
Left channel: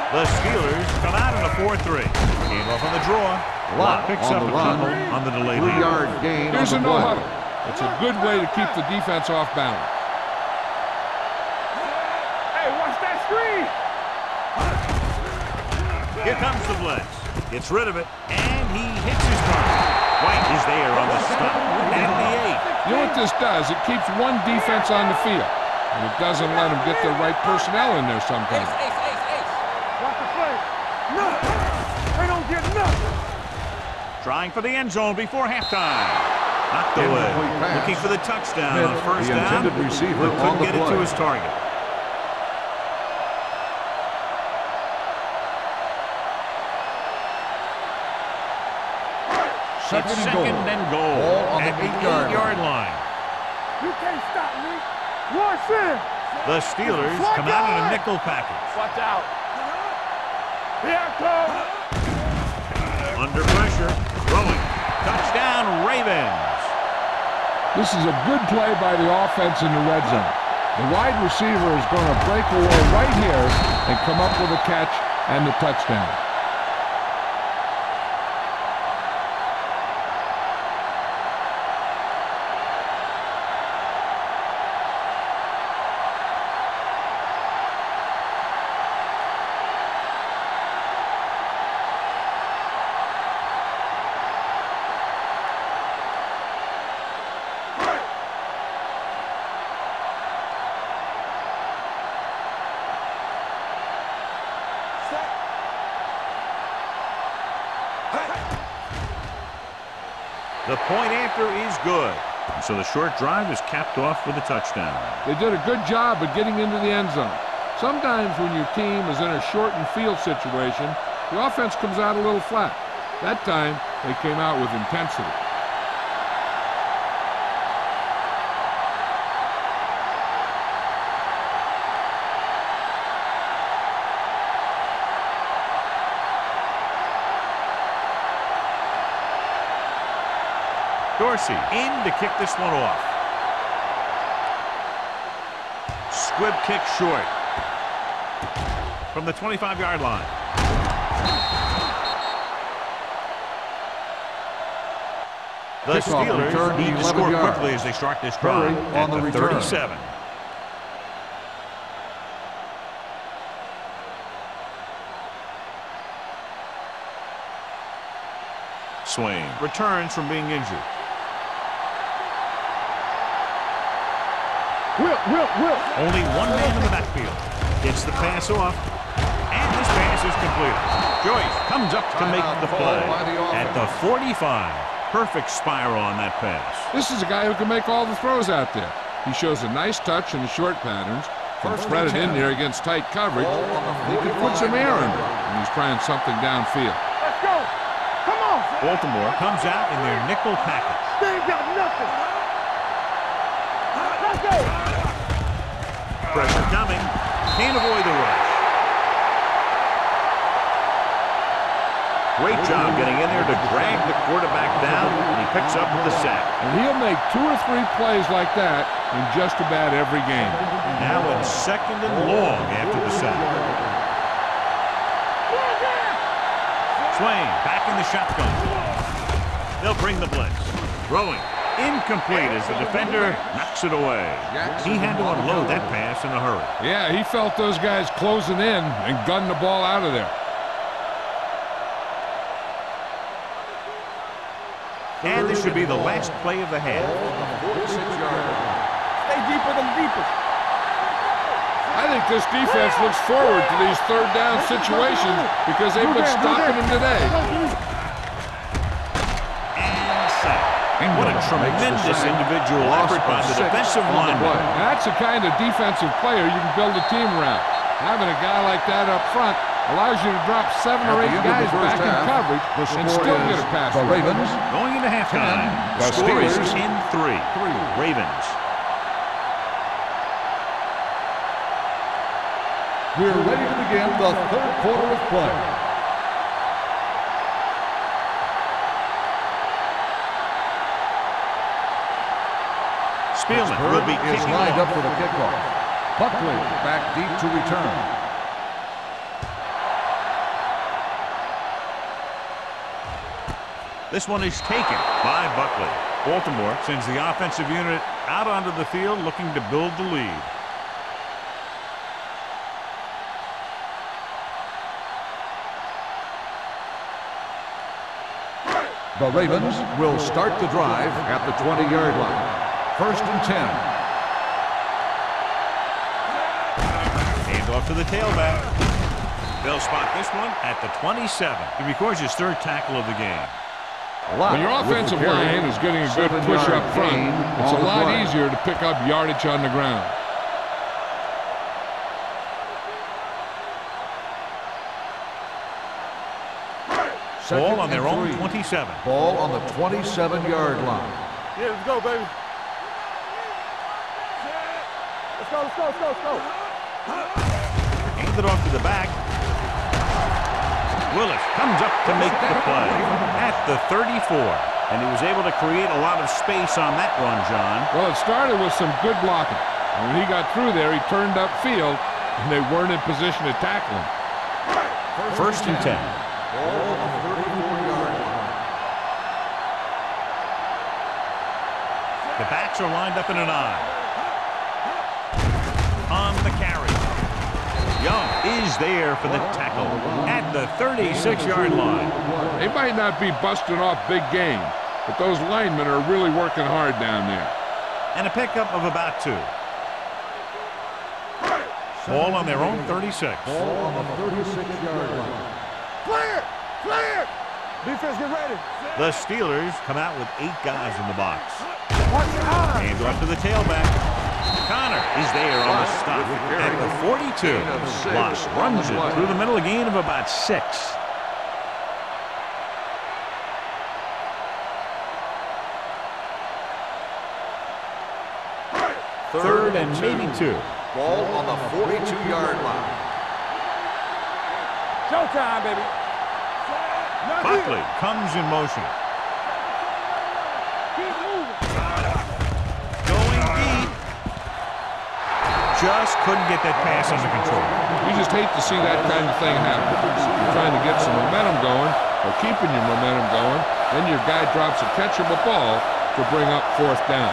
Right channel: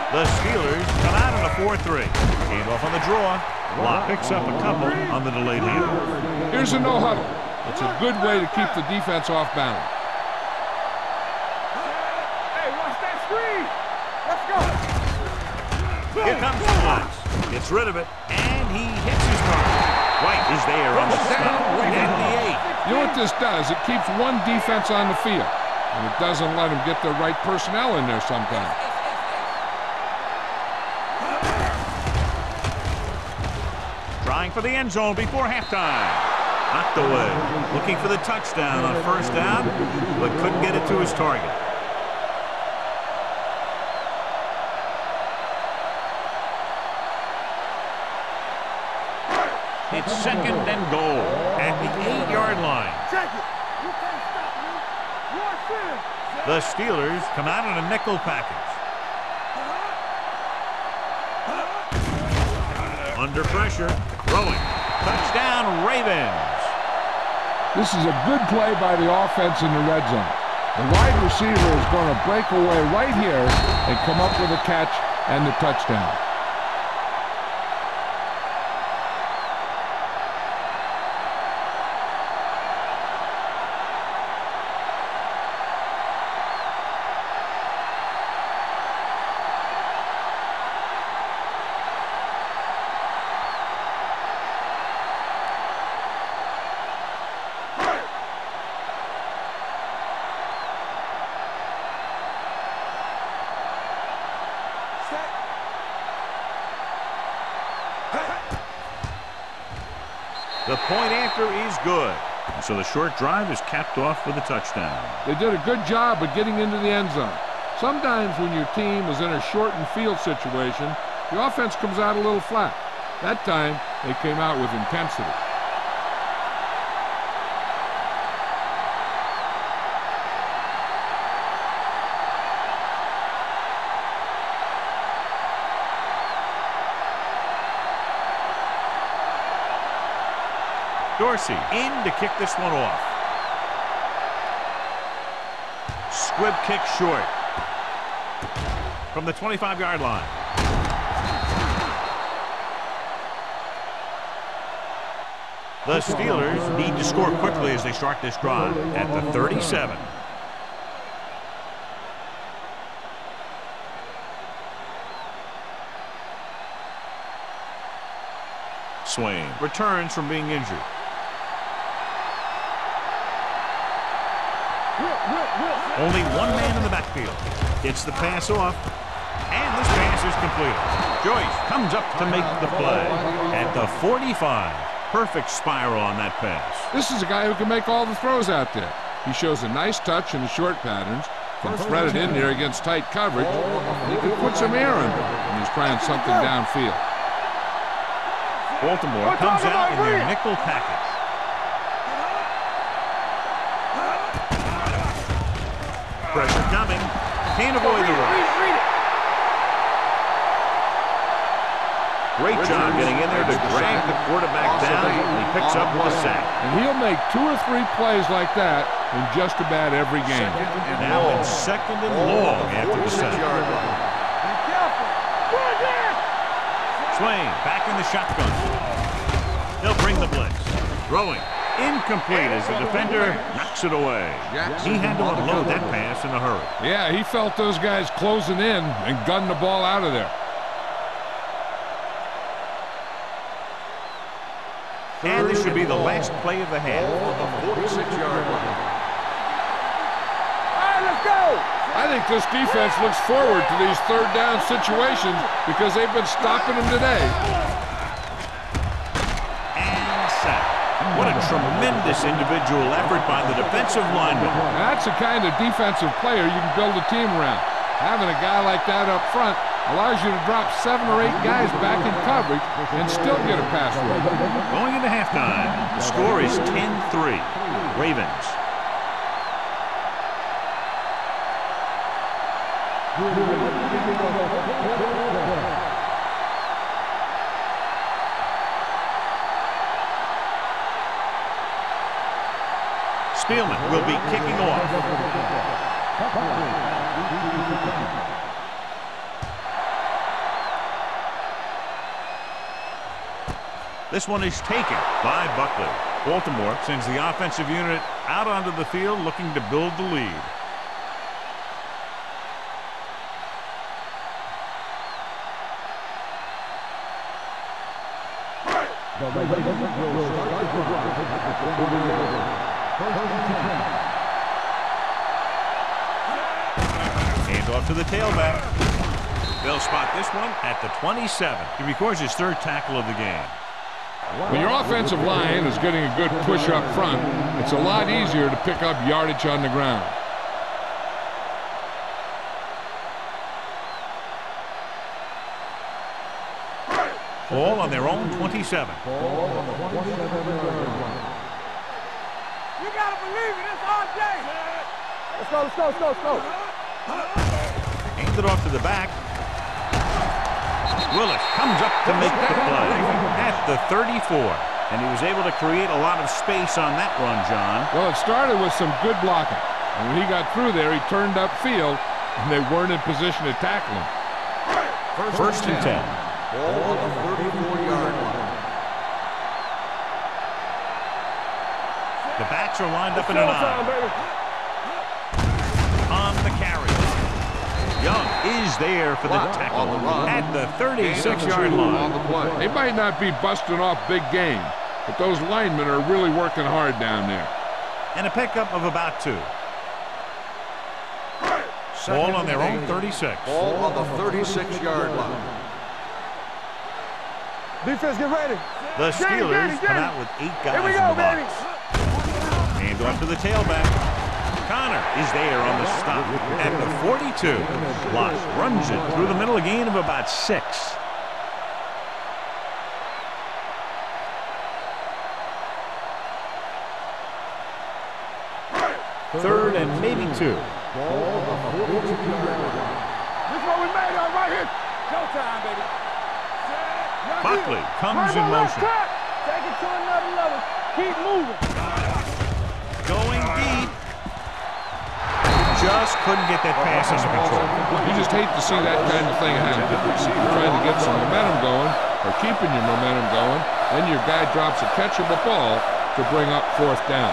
The Steelers come out in a 4-3. Hand off on the draw. Lott picks up a couple on the delayed handoff. Here's a no huddle. It's a good way to keep the defense off balance. Hey, watch that screen. Let's go. Here comes the blitz. Gets rid of it, and he hits his target. White is there on the stop at the 8. You know what this does? It keeps one defense on the field, and it doesn't let them get the right personnel in there sometimes. Trying for the end zone before halftime. Knocked away. Looking for the touchdown on first down, but couldn't get it to his target. It's second and goal at the 8-yard line. You can't stop me. Watch in. The Steelers come out in a nickel package. Watch out. Here it comes. Under pressure. Throwing. Touchdown, Ravens. This is a good play by the offense in the red zone. The wide receiver is going to break away right here and come up with a catch and the touchdown. The point after is good. And so the short drive is capped off with a touchdown. They did a good job of getting into the end zone. Sometimes when your team is in a shortened field situation, the offense comes out a little flat. That time, they came out with intensity. Dorsey in to kick this one off. Squib kick short from the 25-yard line. The Steelers need to score quickly as they start this drive at the 37. Swain returns from being injured. Only one man in the backfield. Gets the pass off. And this pass is completed. Joyce comes up to make the play at the 45. Perfect spiral on that pass. This is a guy who can make all the throws out there. He shows a nice touch in the short patterns, can thread it in there against tight coverage, and he can put some air under it when he's trying something downfield. Baltimore comes out in their nickel package. Pressure coming. Can't avoid the rush. Great job getting in there to drag the quarterback down, and he picks up the sack. And he'll make 2 or 3 plays like that in just about every game. Now in 2nd and long after the sack. Swain back in the shotgun. They'll bring the blitz. Throwing. Incomplete as the defender knocks it away. He had to unload that pass in a hurry. Yeah, he felt those guys closing in and gunned the ball out of there. And this should be the last play of the half. On the 46-yard line. Stay deeper than deeper. Let's go. I think this defense looks forward to these 3rd down situations because they've been stopping them today. And sack. What a tremendous individual effort by the defensive lineman. That's the kind of defensive player you can build a team around. Having a guy like that up front allows you to drop 7 or 8 guys back in coverage and still get a pass rush. Going into halftime, the score is 10-3. Ravens. We're ready to begin the 3rd quarter of play. Spielman will be kicking off. For the kickoff. Buckley back deep to return. This one is taken by Buckley. Baltimore sends the offensive unit out onto the field looking to build the lead. The Ravens will start the drive at the 20-yard line. 1st and 10. Hands off to the tailback. They'll spot this one at the 27. He records his 3rd tackle of the game. When your offensive line is getting a good push up front, it's a lot easier to pick up yardage on the ground. Ball on their own 27. Ball on the 27-yard line. Yeah, let's go, baby. You gotta believe it. It's our day. Let's go, let's go, let's go, let's go. Hands it off to the back. Willis comes up to make the play at the 34. And he was able to create a lot of space on that run, John. Well, it started with some good blocking. And when he got through there, he turned upfield, and they weren't in position to tackle him. 1st and 10. Ball on the 34-yard line. The backs are lined up in an eye. On the carry. Young is there for the tackle at the 36-yard line. They might not be busting off big games, but those linemen are really working hard down there. And a pickup of about 2. Ball on their own 36. Ball on the 36-yard line. Clear! Clear! Defense, get ready. The Steelers come out with 8 guys in the box. Hand off to the tailback. Connor is there on the stop at the 42. Loss runs it through the middle, a gain of about 6. Third and maybe 2. Ball on the 42-yard line. Showtime, baby. Buckley comes in motion. Take it to another level. Keep moving. Going deep. Just couldn't get that pass under control. You just hate to see that kind of thing happen. You're trying to get some momentum going or keeping your momentum going, then your guy drops a catchable ball to bring up 4th down.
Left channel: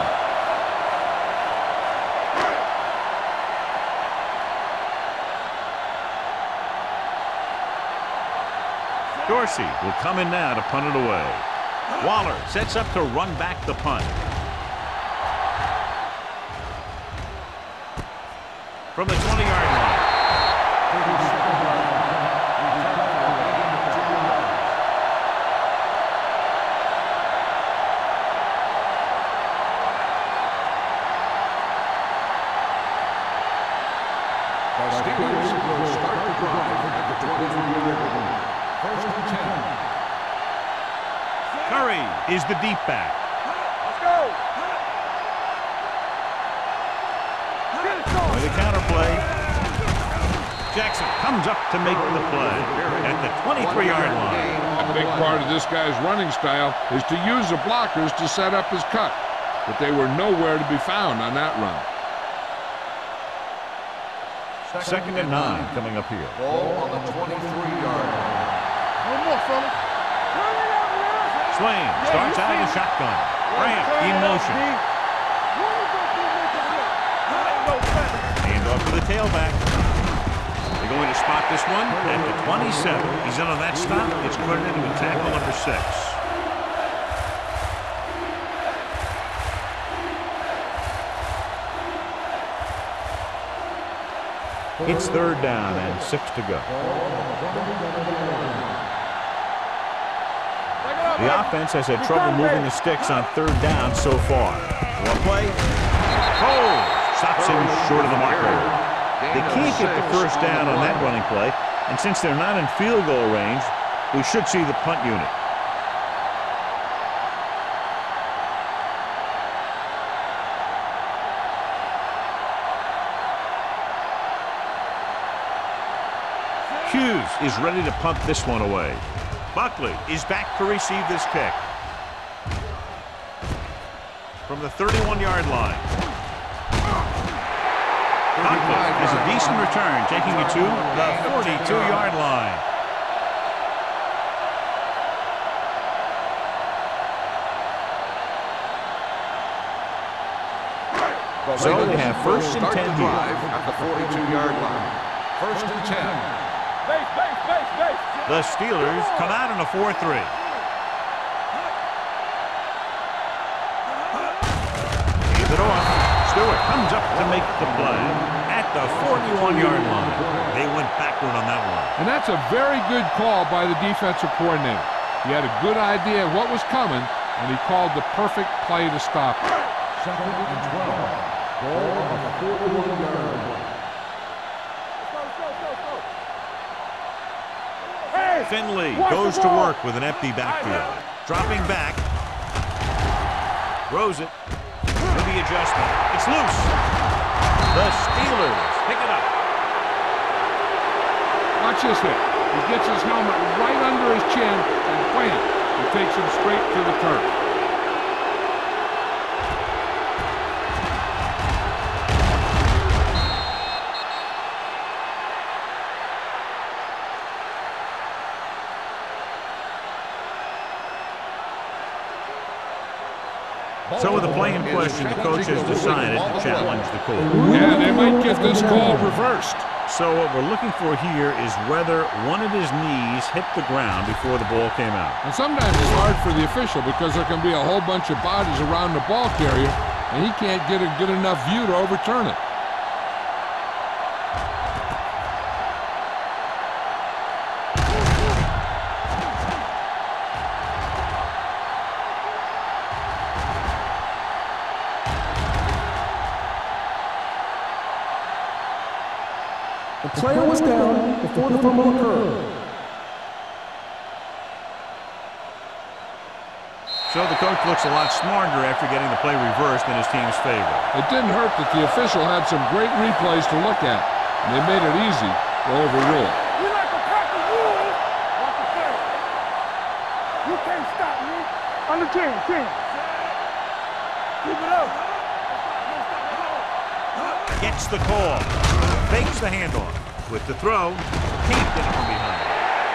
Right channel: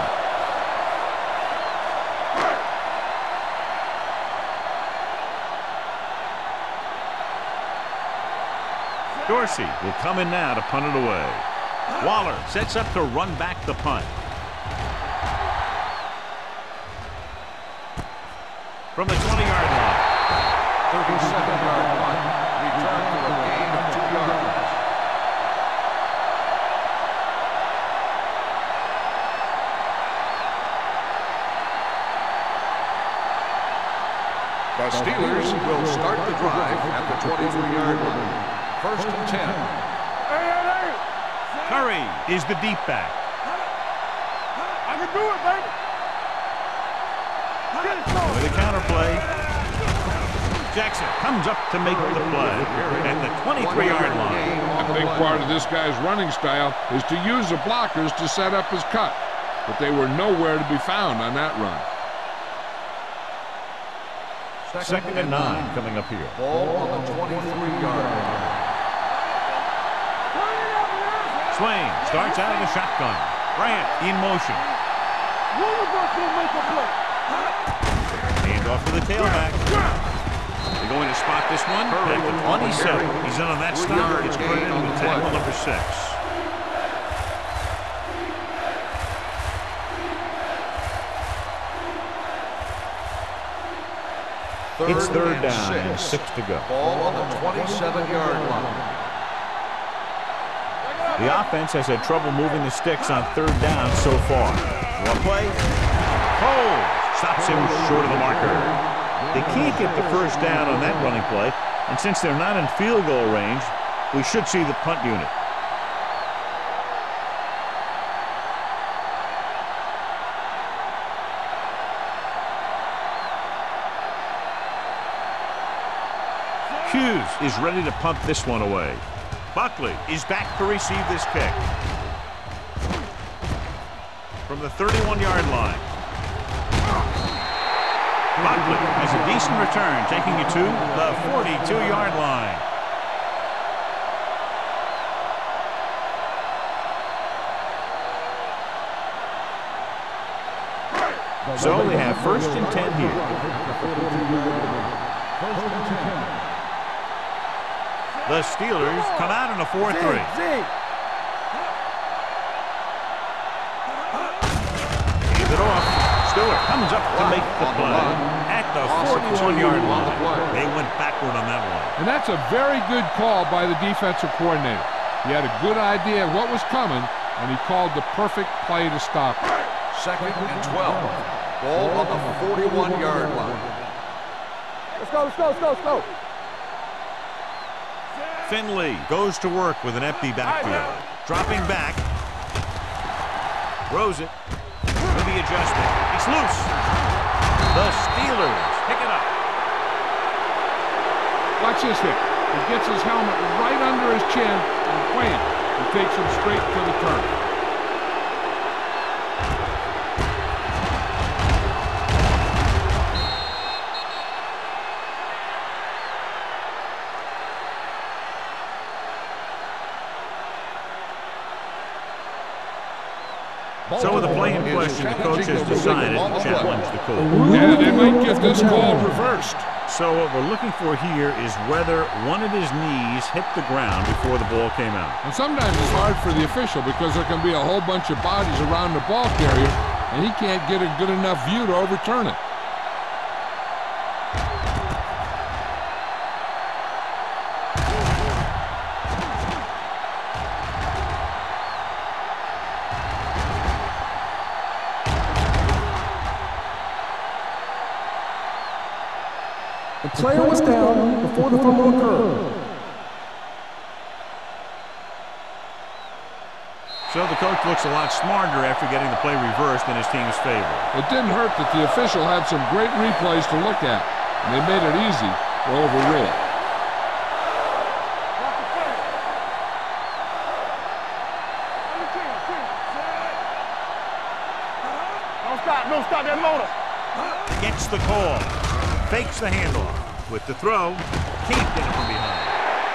Dorsey will come in now to punt it away. Waller sets up to run back the punt. From the 20-yard line. 37-yard punt. Return for a gain of 2 yards. The Steelers will start the drive at the 23-yard line. 1st and 10. Curry is the deep back. With a counterplay. Jackson comes up to make the play at the 23-yard line. A big part of this guy's running style is to use the blockers to set up his cut, but they were nowhere to be found on that run. 2nd and 9 coming up here. Ball on the 23-yard line. Swain starts out of the shotgun. Grant in motion. Hand off to the tailback. They're going to spot this one at the 27. He's in on that stop. It's credited with tackle number 6. It's 3rd down and 6 to go. Ball on the 27-yard line. The offense has had trouble moving the sticks on 3rd down so far. One play. Cole stops him short of the marker. They can't get the 1st down on that running play, and since they're not in field goal range, we should see the punt unit. Hughes is ready to punt this one away. Buckley is back to receive this kick. From the 31-yard line. Buckley has a decent return, taking it to the 42-yard line. So they have 1st and 10 here. At the 42-yard line. 1st and 10. The Steelers come out in a 4-3. Hand it off. Stewart comes up to make the play at the 41-yard line. They went backward on that one. And that's a very good call by the defensive coordinator. He had a good idea of what was coming, and he called the perfect play to stop it. 2nd and 12. Ball on the 41-yard line. Let's go. Finley goes to work with an empty backfield. Dropping back. Throws it. With the adjustment. It's loose. The Steelers pick it up. Watch this hit. He gets his helmet right under his chin and wham, he takes him straight to the turf. So with the play in question, the coach has decided to challenge the call. Yeah, they might get this call reversed. So what we're looking for here is whether one of his knees hit the ground before the ball came out. And sometimes it's hard for the official because there can be a whole bunch of bodies around the ball carrier, and he can't get a good enough view to overturn it. The player was down before the fumble occurred. So the coach looks a lot smarter after getting the play reversed in his team's favor. It didn't hurt that the official had some great replays to look at, and they made it easy to overrule. You can't stop me. Under 10. Gets the call. Fakes the handoff. With the throw, can't get it from behind.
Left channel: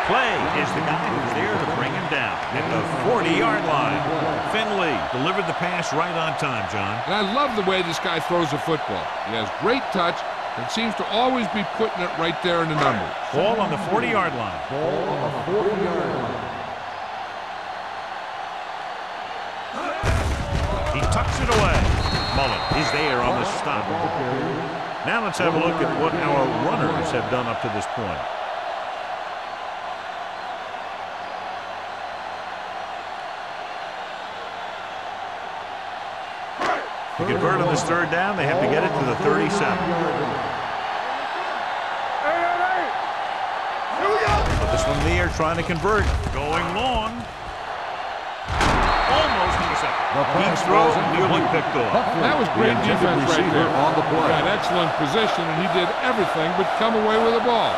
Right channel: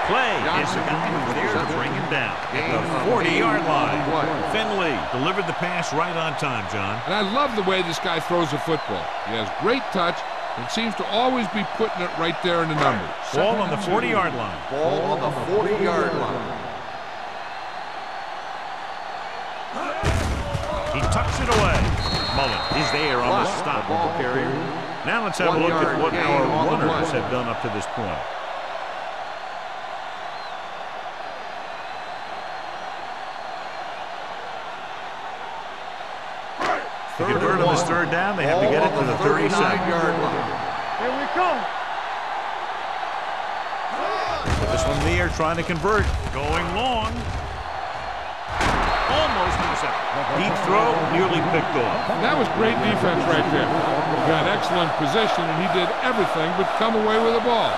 Clay is the guy who's there to bring him down at the 40-yard line. Finley delivered the pass right on time, John. And I love the way this guy throws a football. He has great touch and seems to always be putting it right there in the numbers. Ball on the 40-yard line. Ball on the 40-yard line. He tucks it away. Mullen is there on the stop. Now let's have a look at what our runners have done up to this point. To convert on this third down, they have to get it to the 37. Put this one in the air, trying to convert. Going long. Almost intercepted. Deep throw, nearly picked off. That was great defense right there. He got excellent position, and he did everything but come away with the ball.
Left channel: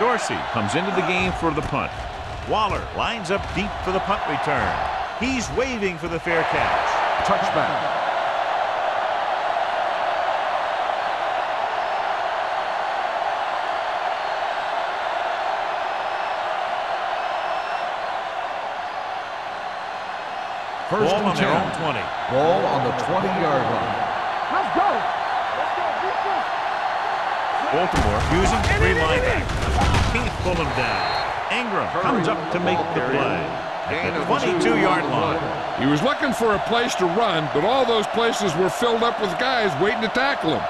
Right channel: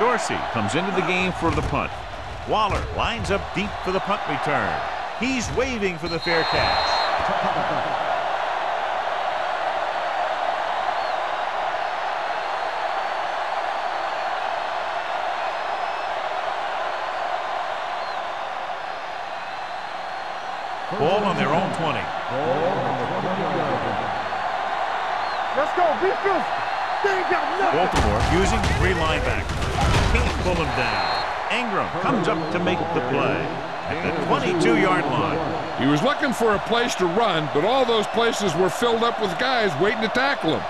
Dorsey comes into the game for the punt. Waller lines up deep for the punt return. He's waving for the fair catch. Touchback. Ball on their own 20. Ball on the 20-yard line. Let's go. Let's go. Be fierce. Baltimore using 3 linebackers. Can't pull him down. Ingram comes up to make the play at the 22-yard line. He was looking for a place to run, but all those places were filled up with guys waiting to tackle him.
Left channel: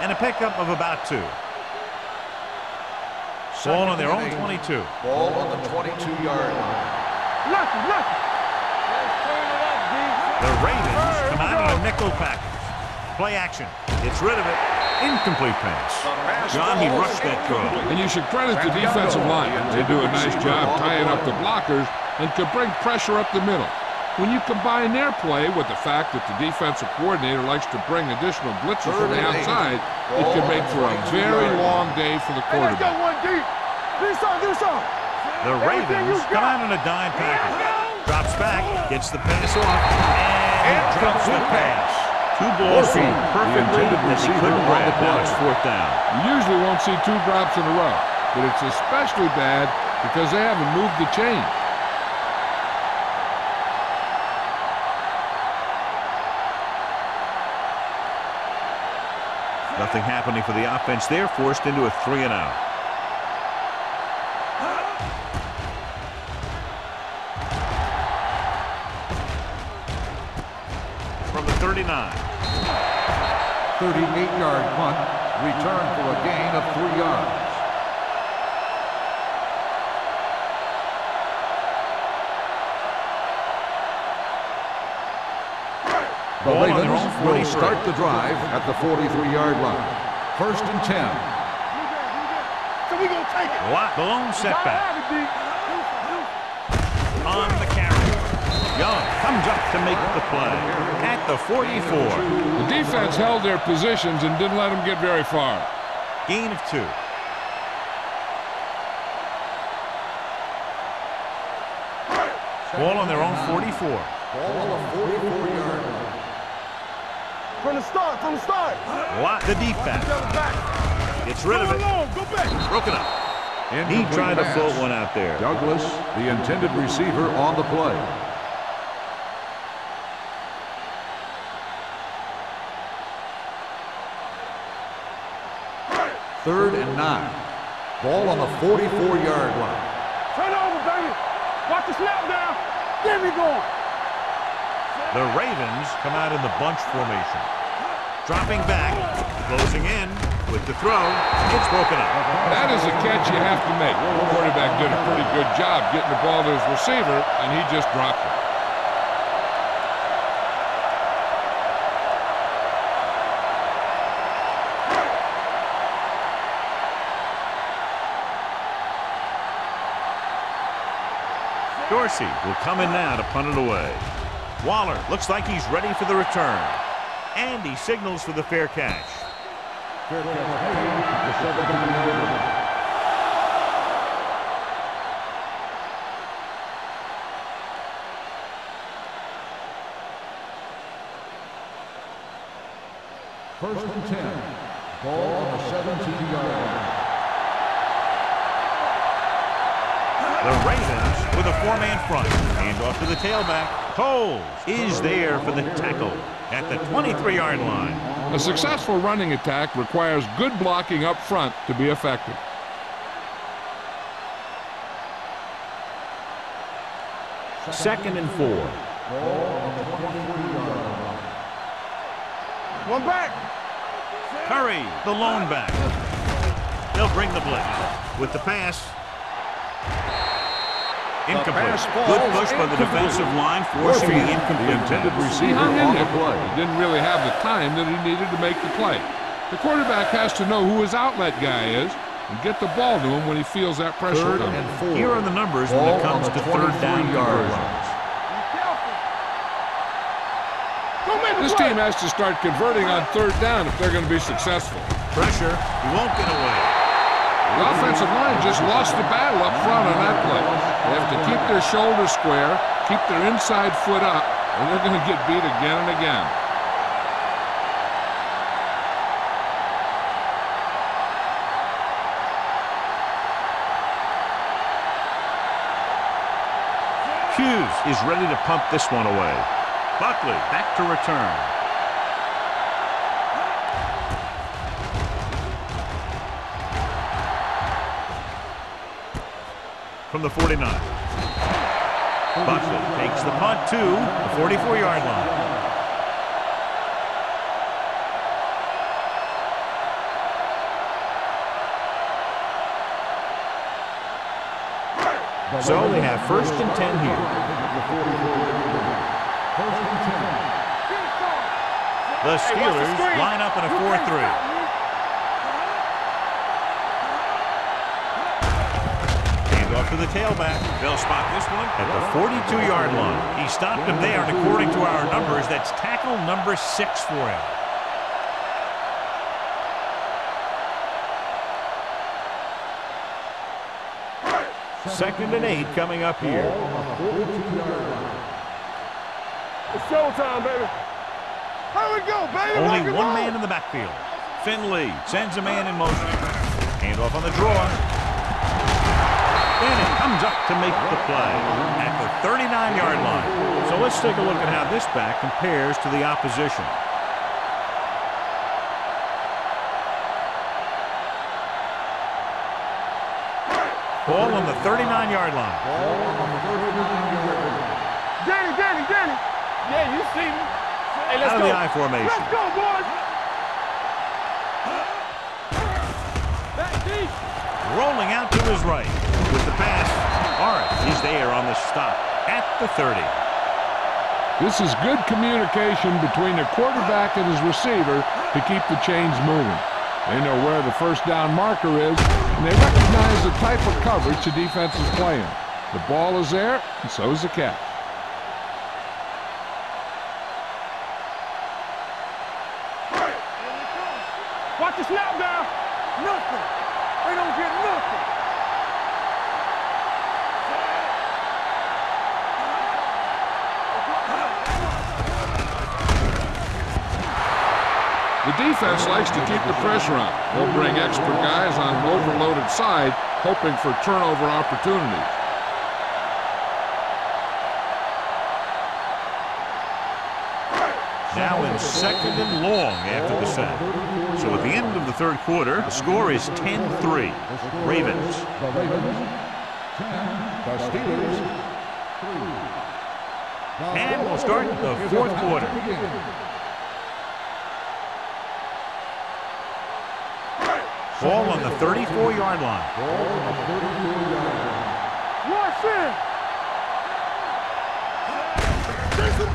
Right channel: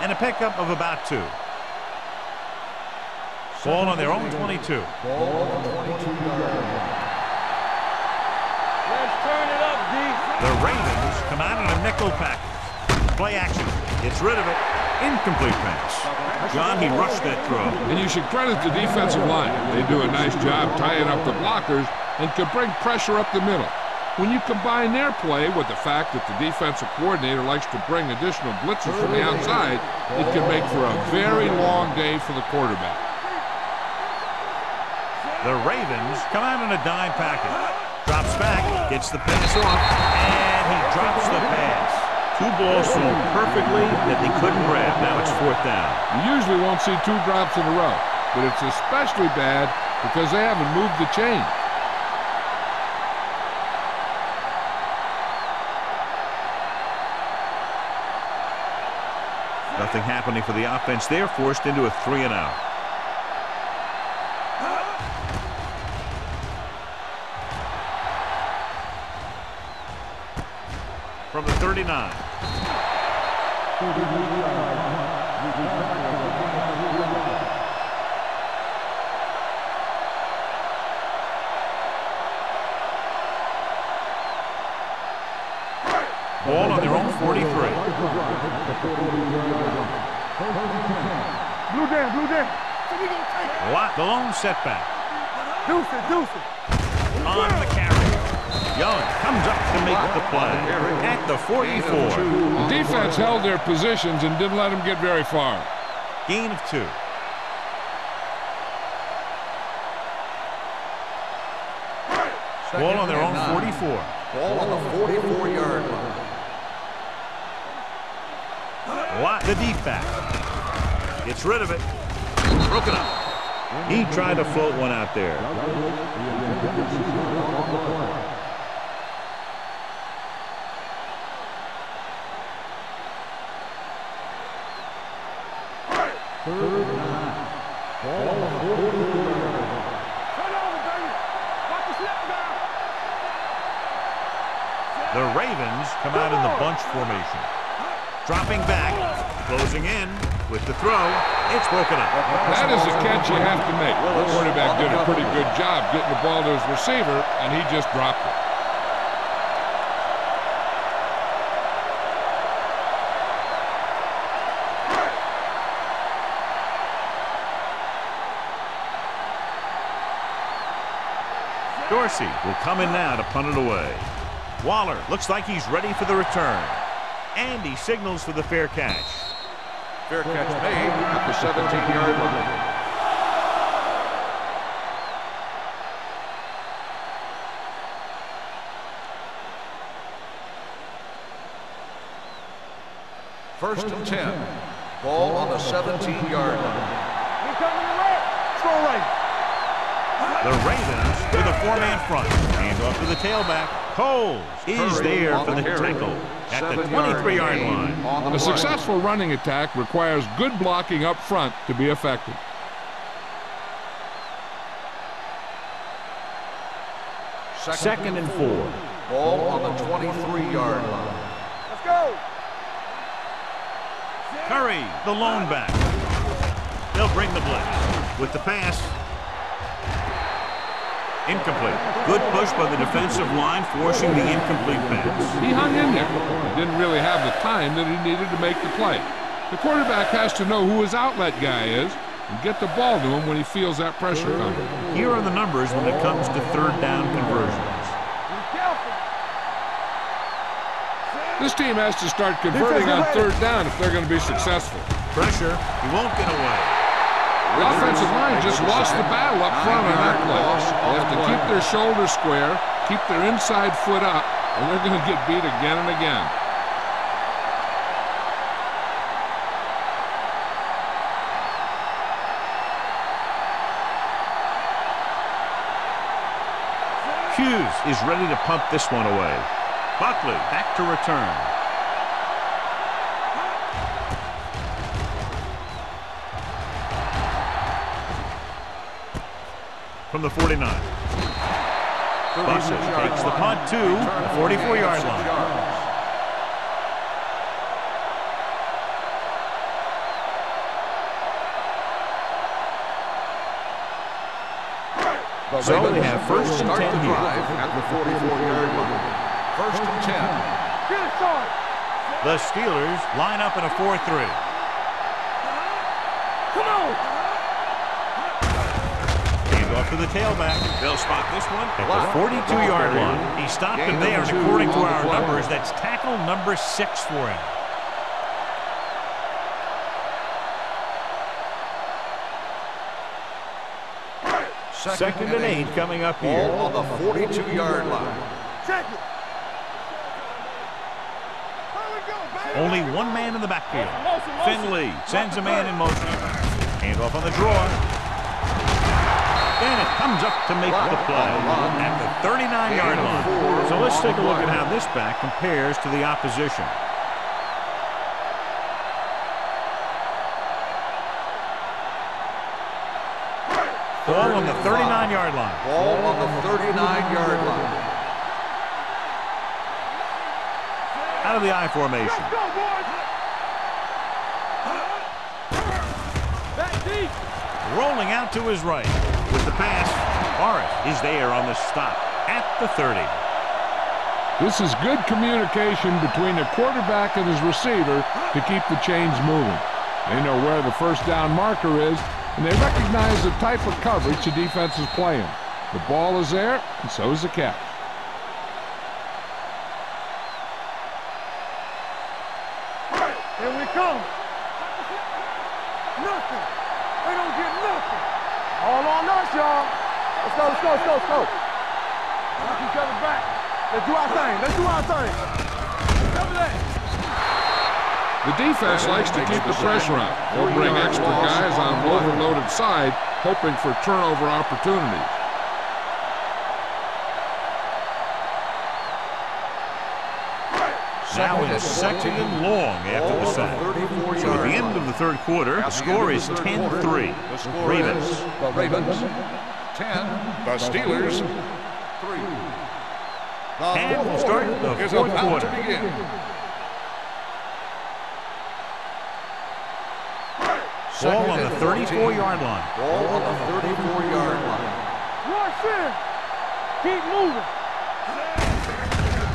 And a pickup of about 2. Ball on their own 22. Ball on the 22-yard line. Let's turn it up, D. The Ravens come out in a nickel package. Play action. Gets rid of it. Incomplete pass. John, he rushed that throw. And you should credit the defensive line. They do a nice job tying up the blockers and can bring pressure up the middle. When you combine their play with the fact that the defensive coordinator likes to bring additional blitzers from the outside, it can make for a very long day for the quarterback. The Ravens come out in a dime package. Drops back, gets the pass off, and he drops the pass. 2 balls thrown perfectly that they couldn't grab. Now it's 4th down. You usually won't see 2 drops in a row, but it's especially bad because they haven't moved the chain. Nothing happening for the offense. They're forced into a 3-and-out. From the 39. 38-yard punt, return for a gain of 3 yards. Ball on their own 43. Start the drive at the 43-yard line. 1st and 10. Blue down. So we gonna take it. The lone setback. On the carry. Young comes up to make the play at the 44. The defense held their positions and didn't let them get very far. Gain of 2. Ball on their own 44. Ball on the 44-yard line. From the start. The deep back. Gets rid of it. Broken up. He tried to float one out there. Douglas, the intended receiver, on the play. Third and 9. Ball on the 44-yard line. Turn over, baby. Watch the snap down. There we go. The Ravens come out in the bunch formation. Dropping back, closing in with the throw. It's broken up. That is a catch you have to make. The quarterback did a pretty good job getting the ball to his receiver, and he just dropped it. Dorsey will come in now to punt it away. Waller looks like he's ready for the return. And he signals for the fair catch. Fair catch made at the 17-yard line. 10. Ball on the 17-yard line. The Ravens with a 4-man front. Hand off to the tailback. Coles is there for the tackle at the 23-yard line. A successful running attack requires good blocking up front to be effective. Second and 4. Ball on the 23-yard line. Let's go. One back. Curry, the lone back. They'll bring the blitz. With the pass. Incomplete. Good push by the defensive line, forcing the incomplete pass. He hung in there. He didn't really have the time that he needed to make the play. The quarterback has to know who his outlet guy is and get the ball to him when he feels that pressure coming. Here are the numbers when it comes to third down conversions. Be careful. This team has to start converting on third down if they're going to be successful. Pressure, he won't get away. The offensive line just lost the battle up front on that play. They have to keep their shoulders square, keep their inside foot up, or they're going to get beat again and again. Hughes is ready to pump this one away. Buckley back to return. From the 49. Buckley takes the punt to the 44-yard line. So they have first and 10 here. First and 10. Get it started. The Steelers line up in a 4-3. Off to the tailback. They'll spot this one at the 42-yard line. He stopped him there, and according to our numbers, that's tackle number 6 for him. Second and 8 coming up here. Ball on the 42-yard line. Check it. It's showtime, baby. Here we go, baby. Only one man in the backfield. Finley sends a man in motion. Hand off on the draw. Bennett comes up to make the play at the 39-yard line. So let's take a look at how this back compares to the opposition. Ball on the 39-yard line. Ball on the 39-yard line. Danny. Yeah, you see me. Hey, Out of the I formation. Let's go, boys. Back deep. Rolling out to his right. With the pass, Morris is there on the stop at the 30. This is good communication between the quarterback and his receiver to keep the chains moving. They know where the first down marker is, and they recognize the type of coverage the defense is playing. The ball is there, and so is the catch. Here we come. Watch the snap down. Nothing. They don't get nothing. All on us, y'all. Let's go. Let's get it back. Let's do our thing. The defense likes to keep the pressure on. They'll bring extra guys on an overloaded side, hoping for turnover opportunities. Now in second and long after the sack. So at the end of the third quarter, the score is 10-3. Ravens. The Ravens, 10. The Steelers, 3. And we'll start the fourth quarter. Ball on the 34-yard line. Ball on the 34-yard line. Rush in. Keep moving.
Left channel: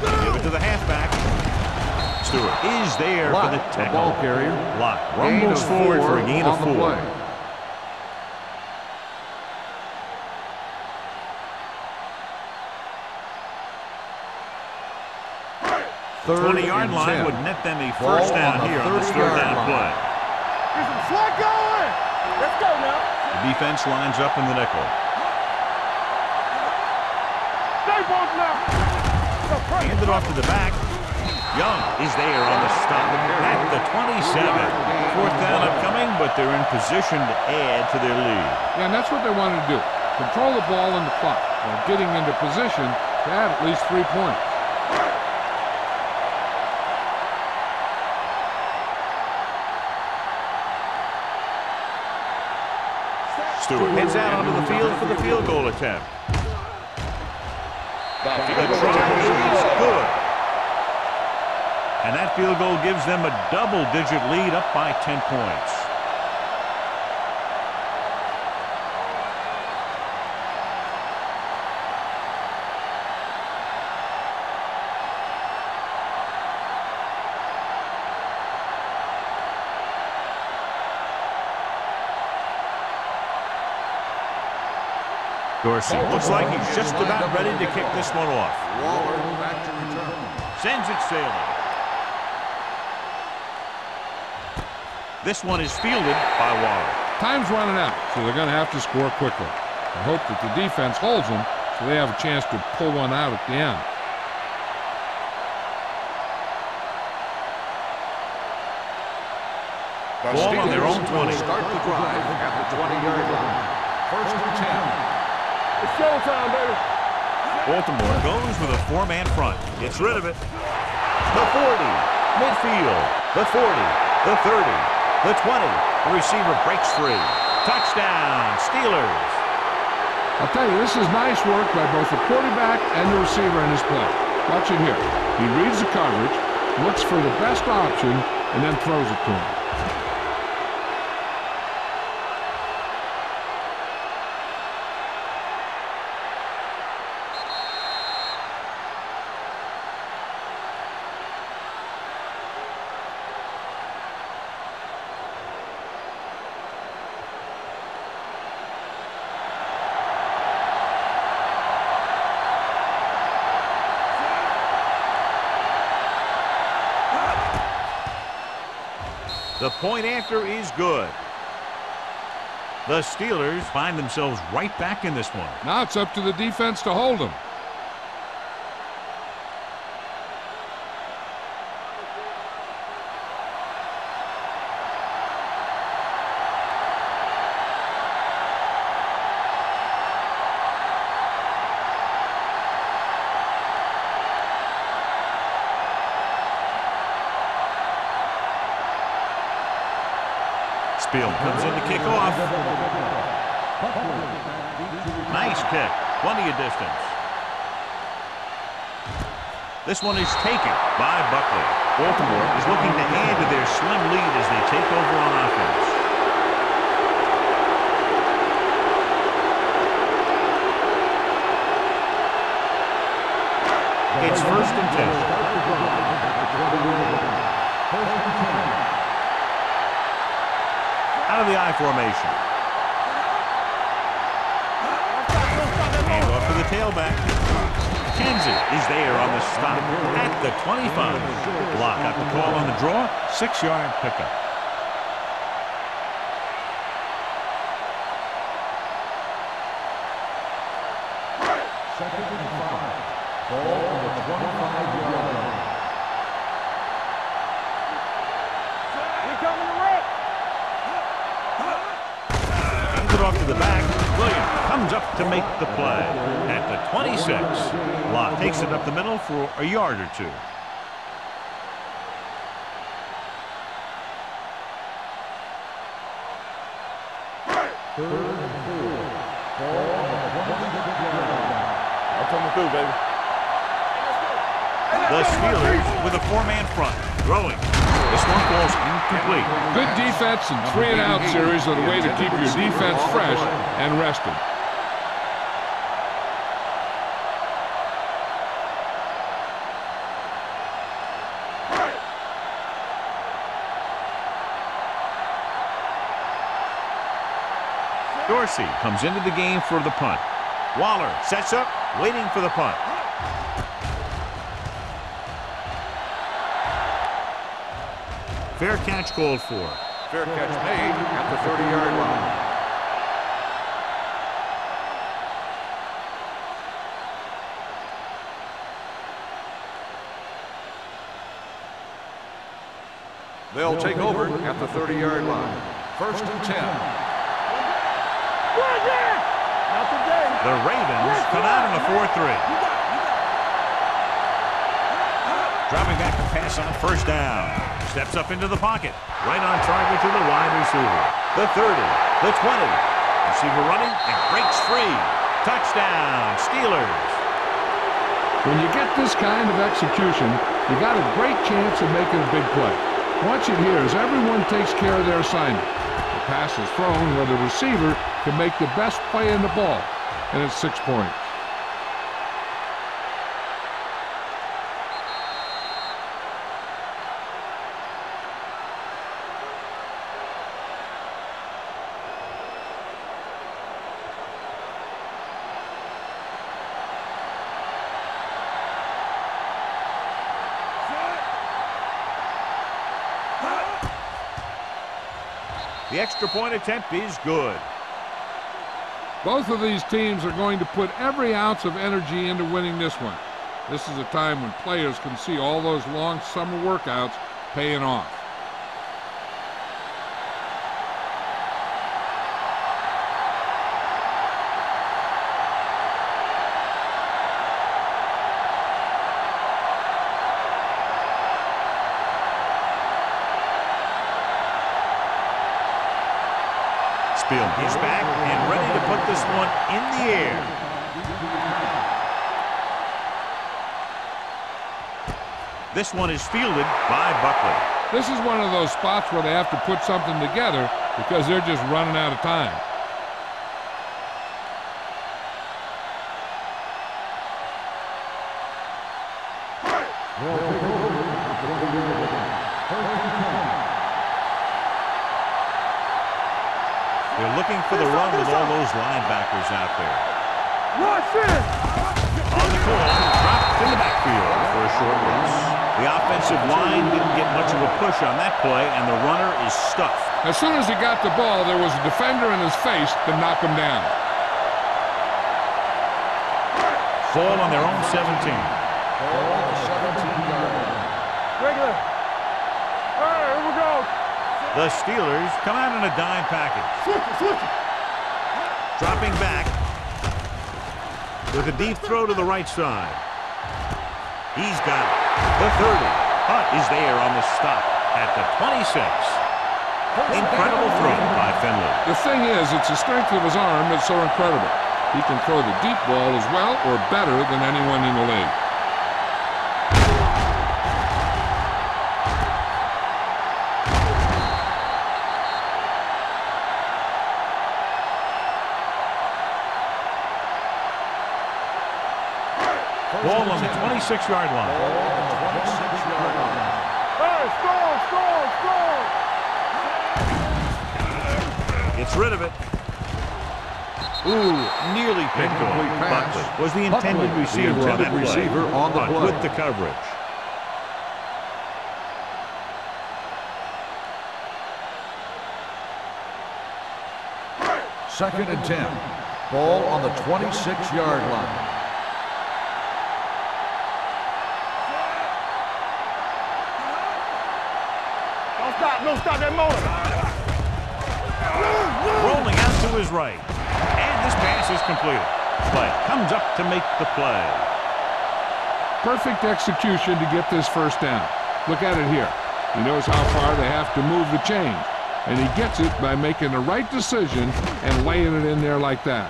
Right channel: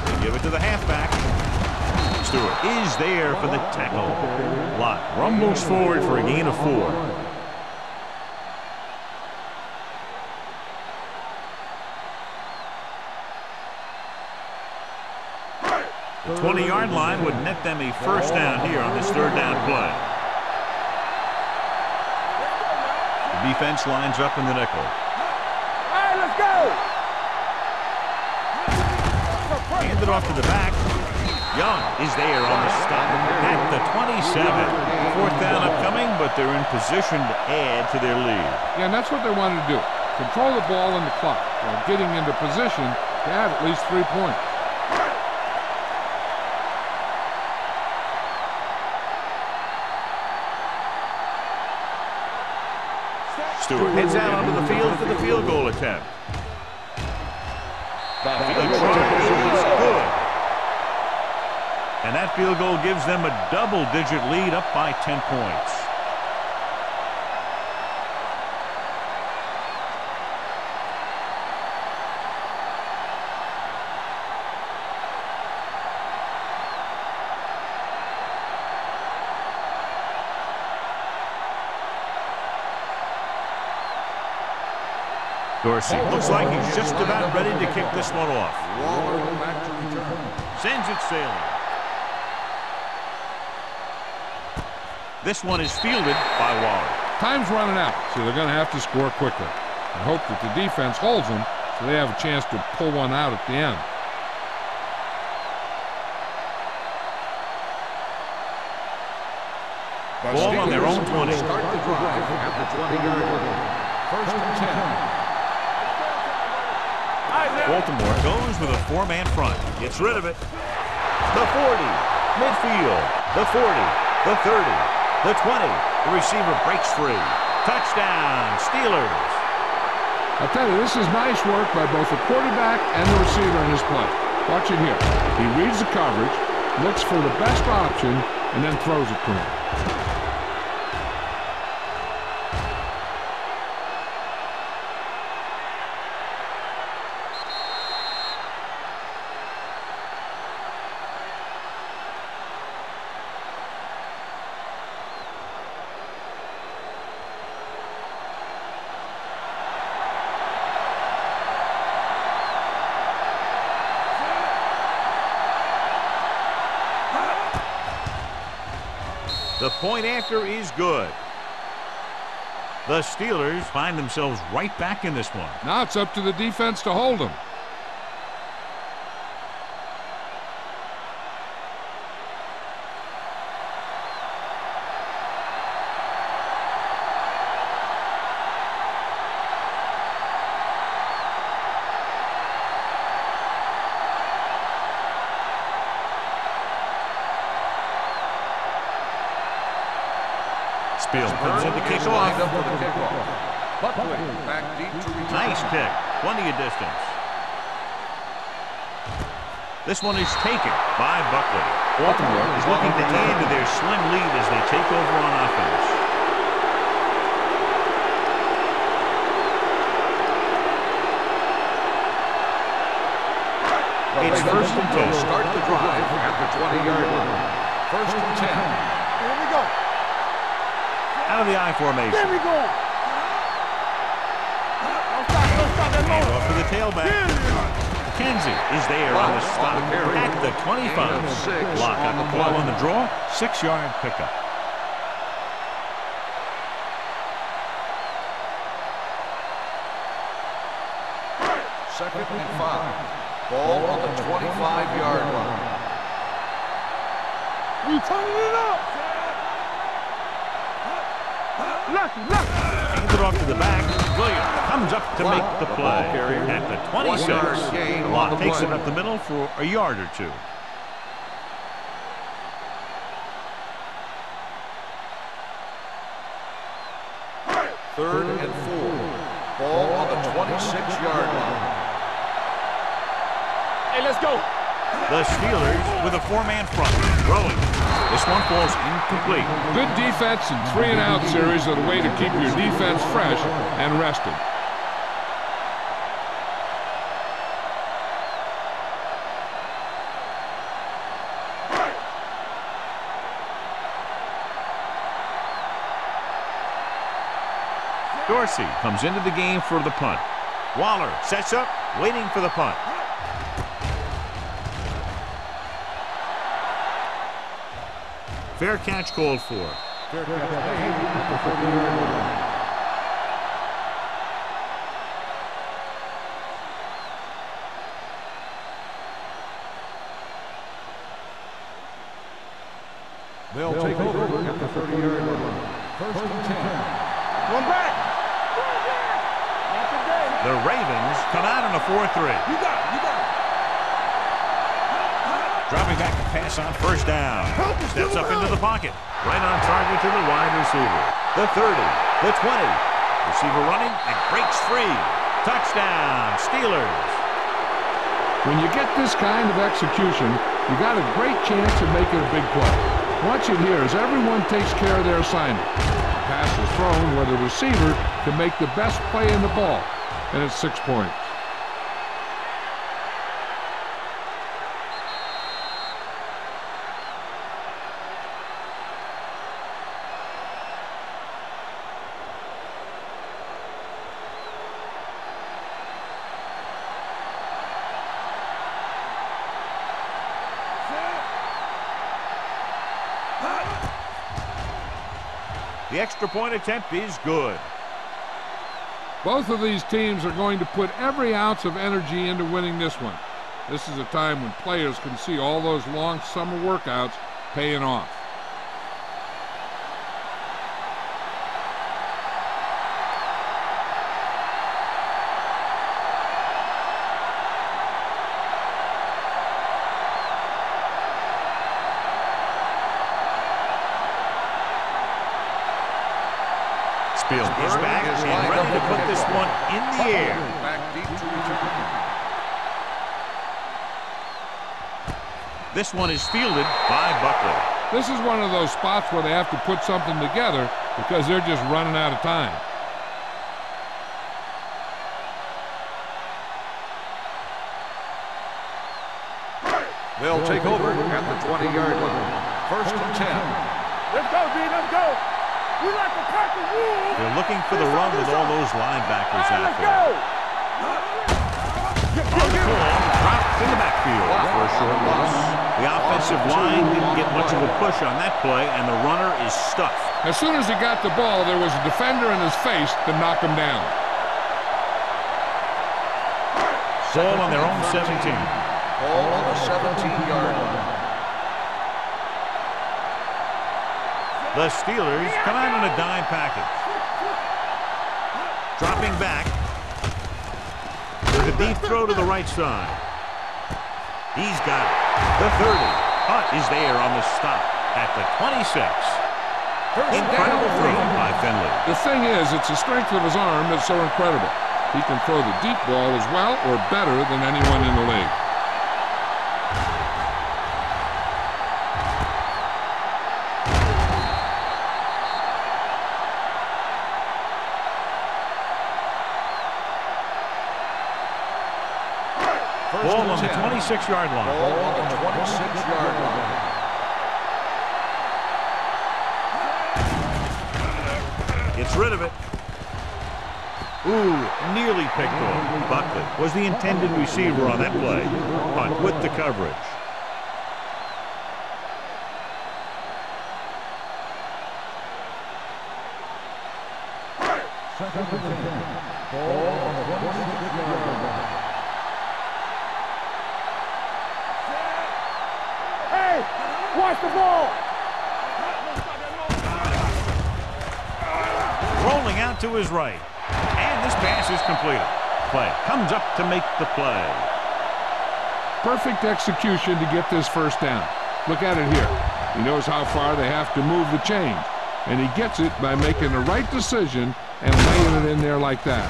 They give it to the halfback. Stewart is there for the tackle. Lott rumbles forward for a gain of 4. 20-yard line would net them a first down here on this third down play. Get some slot going. Let's go now. The defense lines up in the nickel. Hey, let's go. Stay both now. Hand it off to the back. Young is there on the stop at the 27. Fourth down upcoming, but they're in position to add to their lead. Yeah, and that's what they wanted to do. Control the ball and the clock while getting into position to add at least 3 points. Stewart heads out onto the field for the field goal attempt. The try is good. And that field goal gives them a double-digit lead, up by 10 points. Dorsey looks like he's just about ready to kick this one off. Waller back to return. Sends it sailing. This one is fielded by Waller. Time's running out, so they're going to have to score quickly. I hope that the defense holds them so they have a chance to pull one out at the end. Ball on their own 20. Start the drive at the 20-yard line. First and 10. Baltimore goes with a four-man front. Gets rid of it. The 40. Midfield. The 40. The 30. The 20. The receiver breaks free. Touchdown, Steelers. I'll tell you, this is nice work by both the quarterback and the receiver in his play. Watch it here. He reads the coverage, looks for the best option, and then throws it to him. The point after is good. The Steelers find themselves right back in this one. Now it's up to the defense to hold them. Spiel comes in to kick off. Nice kick. Plenty of distance. This one is taken by Buckley. Baltimore is looking to add to their slim lead as they take over on offense. It's first and 10. Start the drive at the 20-yard line. First and 10. Out of the I formation. Hand off to the tailback. McKenzie is there on the stop at the 25. Block got the call on the draw. 6-yard pickup. Second and 5. Ball on the 25-yard line. You turning it up, Hands it off to the back. Williams comes up to make the play at the 26. Locke takes it up the middle for a yard or two. Third and 4. Ball on the 26-yard line. I'm coming through, baby. Hey, let's go. The Steelers with a four-man front. Throwing. This one falls incomplete. Good defense and 3-and-out series are the way to keep your defense fresh and rested. Dorsey comes into the game for the punt. Waller sets up, waiting for the punt. Fair catch called for. Fair catch made at the 30-yard line. They'll take over at the 30-yard line. First and 10. One back. One again. Not today. The Ravens come out in a 4-3. You got it. You got it. Dropping back to pass on first down. Steps up into the pocket. Right on target to the wide receiver. The 30, the 20. Receiver running and breaks free. Touchdown, Steelers. When you get this kind of execution, you got a great chance of making a big play. Watch it here as everyone takes care of their assignment. The pass is thrown where the receiver can make the best play in the ball, and it's 6 points. The extra point attempt is good. Both of these teams are going to put every ounce of energy into winning this one. This is a time when players can see all those long summer workouts paying off. Spielman is back and ready to put this one in the air. This one is fielded by Buckley. This is one of those spots where they have to put something together because they're just running out of time. They'll take over at the 20-yard line. First and 10. Let's go, D. Let's go. You like to cut the rules. They're looking for the run with all those linebackers out there. On the call, dropped in the backfield for a short loss. The offensive line didn't get much of a push on that play, and the runner is stuffed. As soon as he got the ball, there was a defender in his face to knock him down. Ball on their own 17. Ball on the 17-yard line. Regular. All right, here we go. The Steelers come out in a dime package. Dropping back with a deep throw to the right side. He's got it. The 30. Hunt is there on the stop at the 26. Incredible throw by Finley. The thing is, it's the strength of his arm that's so incredible. He can throw the deep ball as well or better than anyone in the league. Ball on the 26-yard line. Ball on the 26-yard line. Gets rid of it. Ooh, nearly picked off. Buckley was the intended receiver on that play. Hunt with the coverage. Second and 10. Ball on the 26-yard line. Rolling out to his right. And this pass is completed. Play comes up to make the play. Perfect execution to get this first down. Look at it here. He knows how far they have to move the chains. And he gets it by making the right decision and laying it in there like that.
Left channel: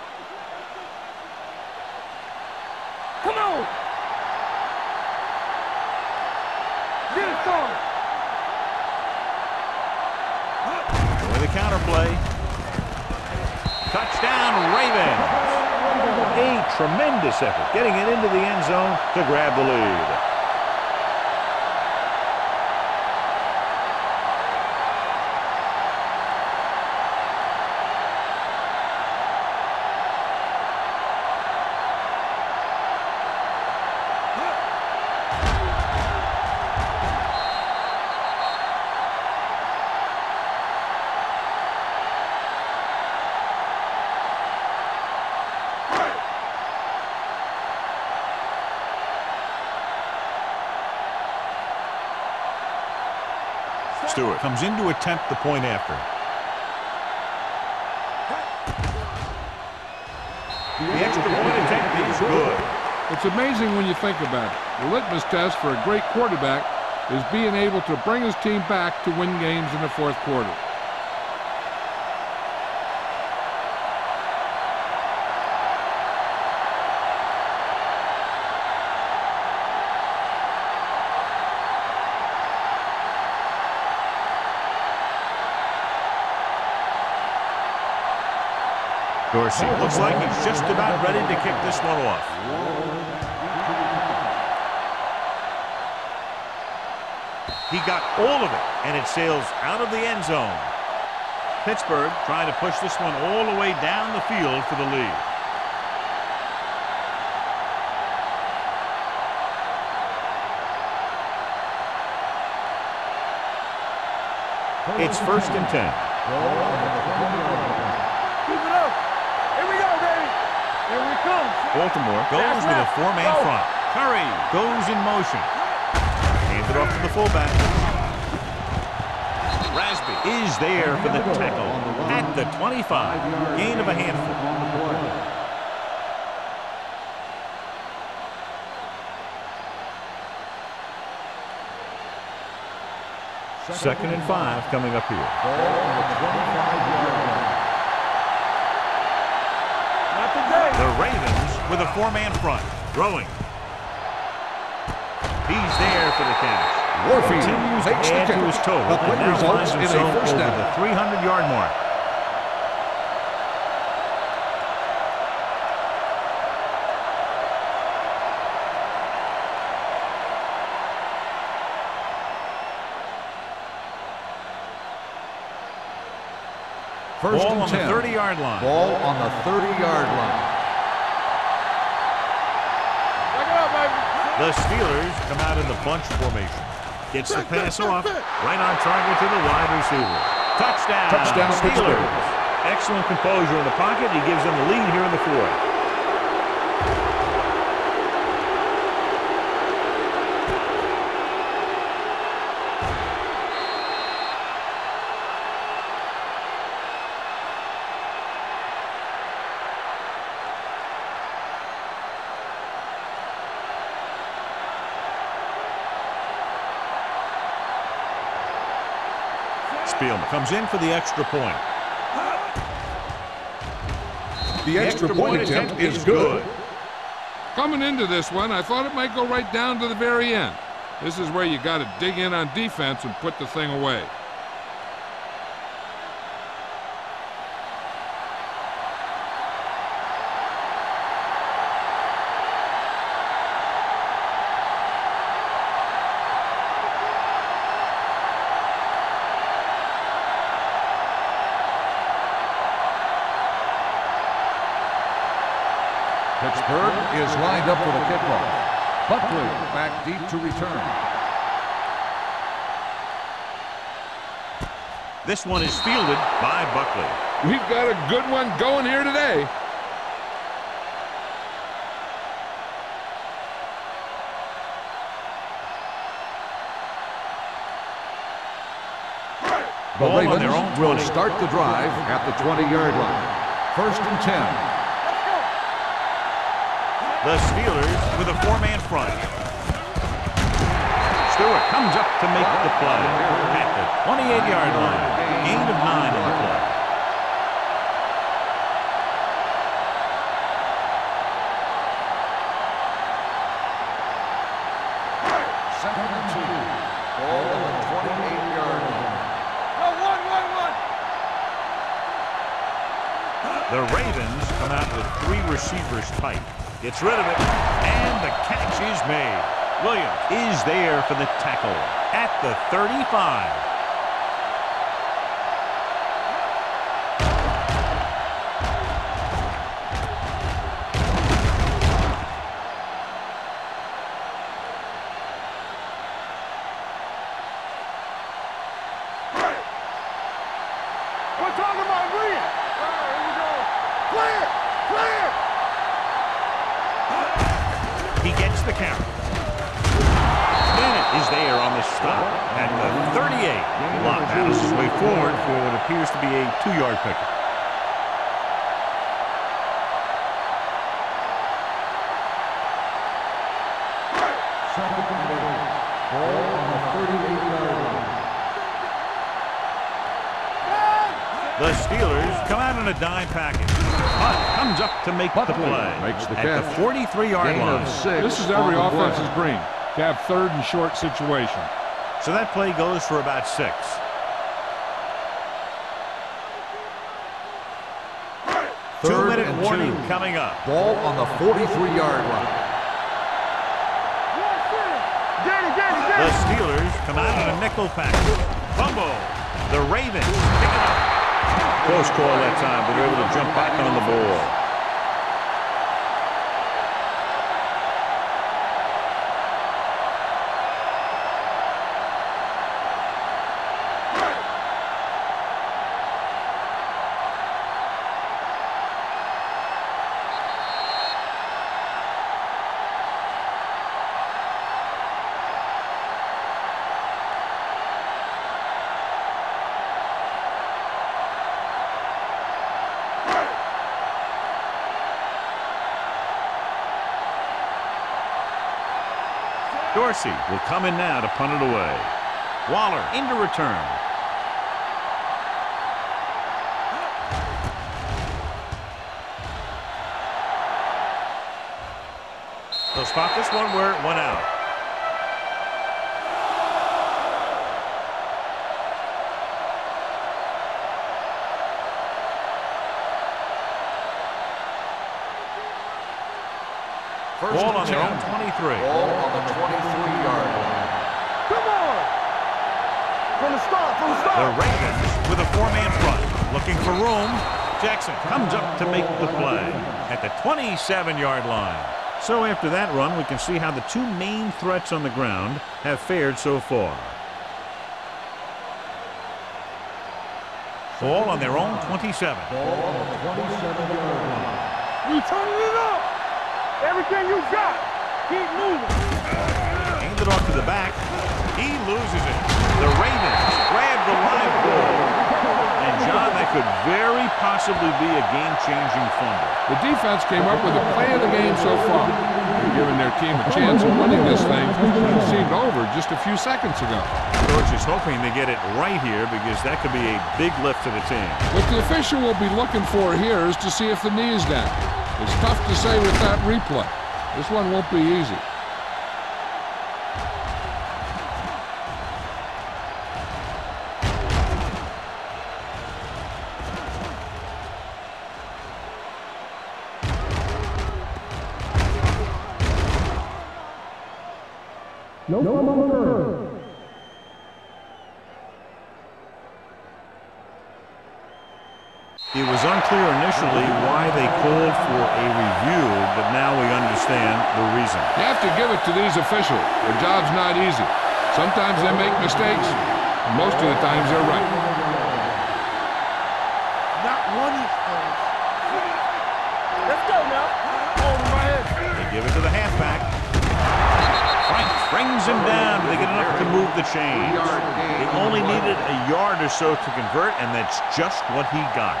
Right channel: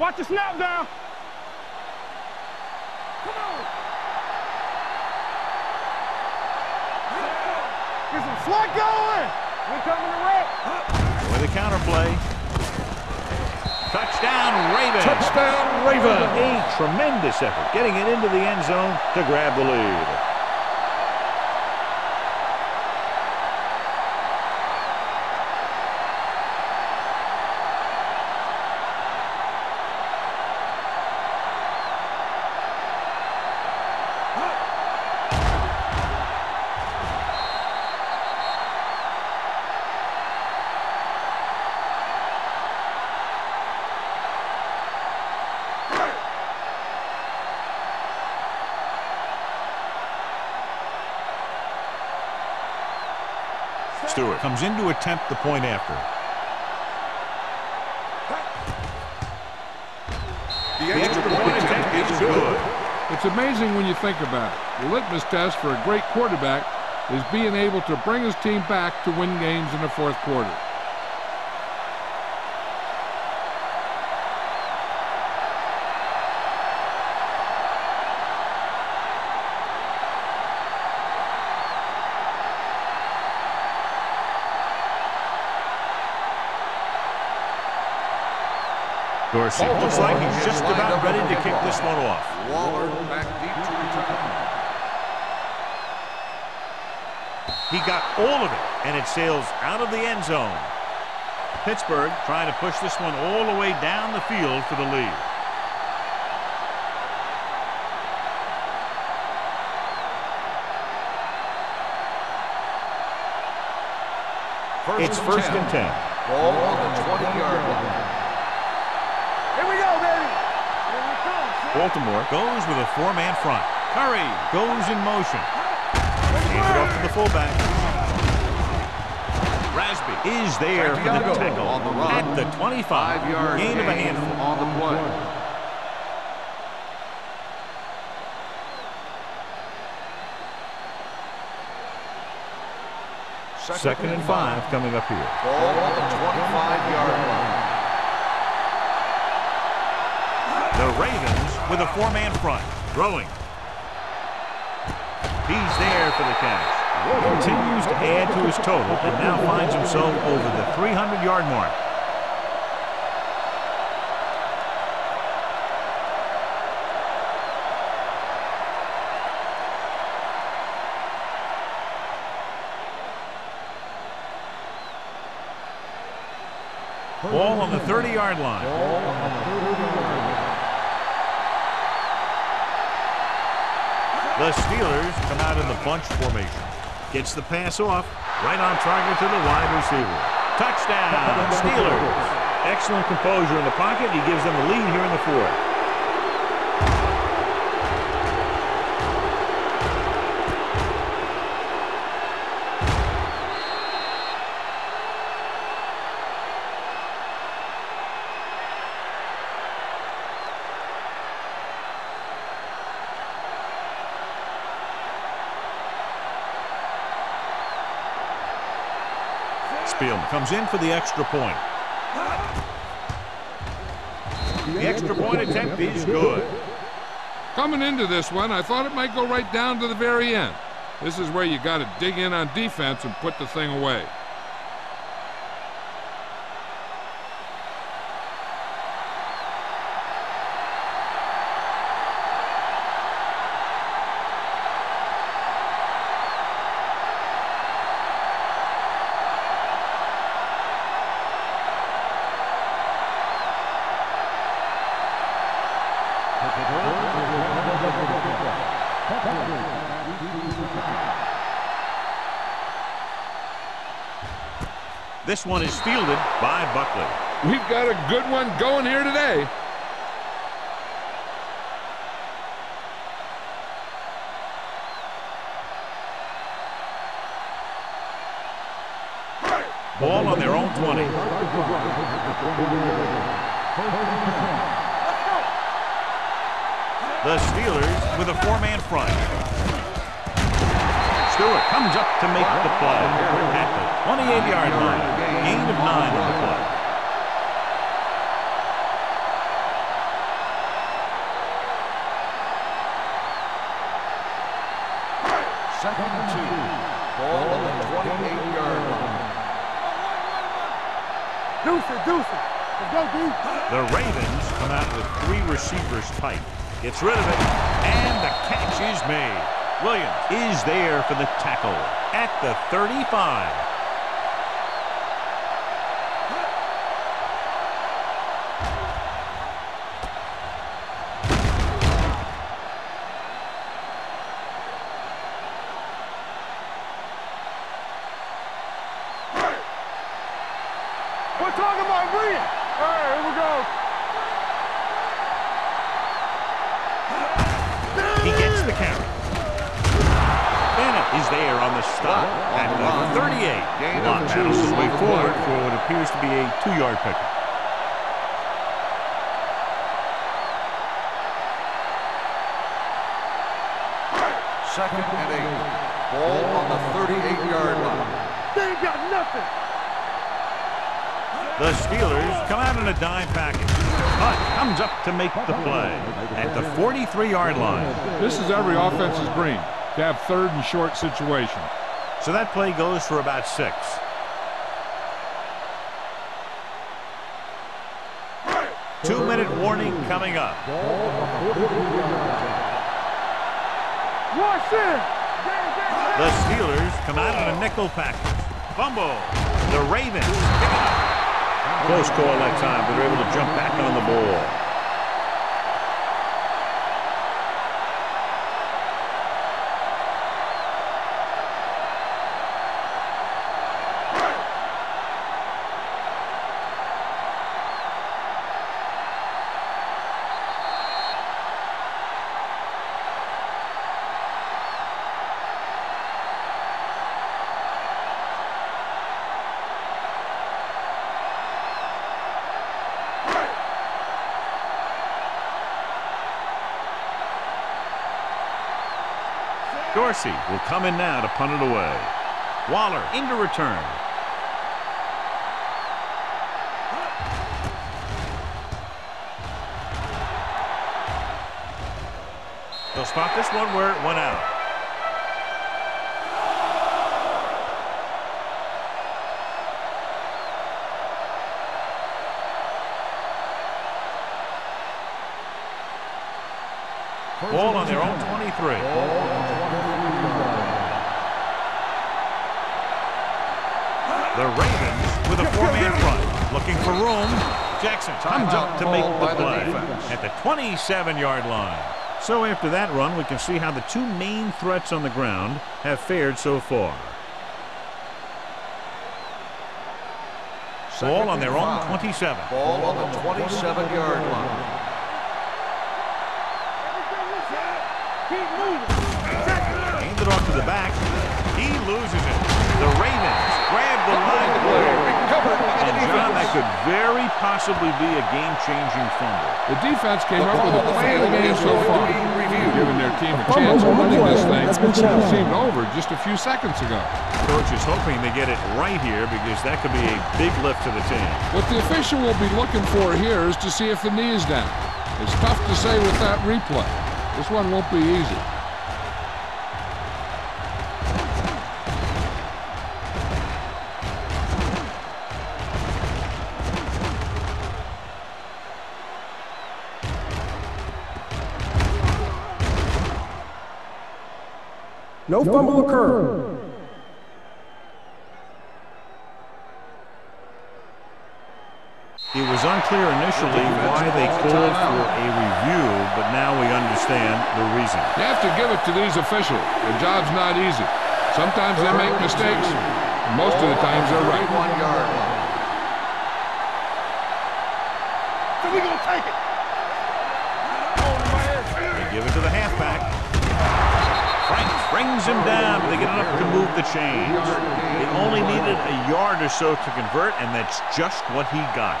Watch the snap down. Come on. Is it slot going? With a counter play. Touchdown, Ravens. Touchdown, Ravens. A tremendous effort getting it into the end zone to grab the lead. Stewart comes in to attempt the point after. The extra point attempt is good. It's amazing when you think about it. The litmus test for a great quarterback is being able to bring his team back to win games in the fourth quarter. Dorsey looks like he's just about ready to kick this one off. He got all of it, and it sails out of the end zone. Pittsburgh trying to push this one all the way down the field for the lead. It's 1st and 10. Ball on the 20-yard line. Here we go, baby. Here we come. Baltimore goes with a 4-man front. Curry goes in motion. Hands it off to the fullback. Rasby is there for the tackle at the 25. Gain of a handful. 2nd and 5 coming up here. Ball on the 25-yard line. The Ravens with a 4-man front. Throwing. He's there for the catch. Continues to add to his total and now finds himself over the 300-yard mark. Ball on the 30-yard line. Ball on the 30-yard line. The Steelers come out in the bunch formation. Gets the pass off. Right on target to the wide receiver. Touchdown, Steelers. Excellent composure in the pocket. He gives them the lead here in the fourth. Spielman comes in for the extra point. The extra point attempt is good. Coming into this one, I thought it might go right down to the very end. This is where you got to dig in on defense and put the thing away. Pittsburgh is lined up for the kickoff. Buckley back deep to return. This one is fielded by Buckley. We've got a good one going here today. Ball on their own 20. Will start the drive at the 20-yard line. 1st and 10. The Steelers with a 4-man front. Stewart comes up to make the play at the 28-yard line. Gain of 9 on the play. Second and 2. Ball on the 28-yard line. The Ravens come out with 3 receivers tight. Gets rid of it, and the catch is made. Williams is there for the tackle at the 35. We're talking about Brian. All right, here we go. Clear, clear. He gets the carry. Bennett is there on the stop at the 38. Lott battles his way forward for what appears to be a 2-yard pickup. Second and 8. Ball on the 38-yard line. They ain't got nothing. The Steelers come out in a dime package. Hunt comes up to make the play at the 43-yard line. This is every offense's dream, to have third and short situation. So that play goes for about 6. Two-minute warning coming up. Ball on the 43-yard line. Watch it. The Steelers come out in a nickel package. Fumble. The Ravens pick it up. Close call that time, but they're able to jump back on the ball. Dorsey will come in now to punt it away. Waller into return. They'll spot this one where it went out. Ball on their own 23. Ball on the 23-yard line. Come on. From the start. The Ravens with a 4-man front. Looking for room. Jackson comes up to make the play at the 27-yard line. So after that run, we can see how the two main threats on the ground have fared so far. Ball on their own 27. Ball on the 27-yard line. We turning it up. Everything you got. Keep moving. Handed off to the back. He loses it. The Ravens grab the live ball. And, John, that could very possibly be a game-changing fumble. The defense came up with a play of the game so far, giving their team a chance of winning this thing. It seemed over just a few seconds ago. Coach is hoping they get it right here because that could be a big lift to the team. What the official will be looking for here is to see if the knee is down. It's tough to say with that replay. This one won't be easy. No fumble occurred. It was unclear initially why they called for a review, but now we understand the reason. You have to give it to these officials. Their job's not easy. Sometimes they make mistakes, and most of the times they're right. Not one inch. So we're going to take it. Let's go now. Hold him right here. They give it to the halfback. Franks brings him down, but they get enough to move the chains. They only needed a yard or so to convert, and that's just what he got.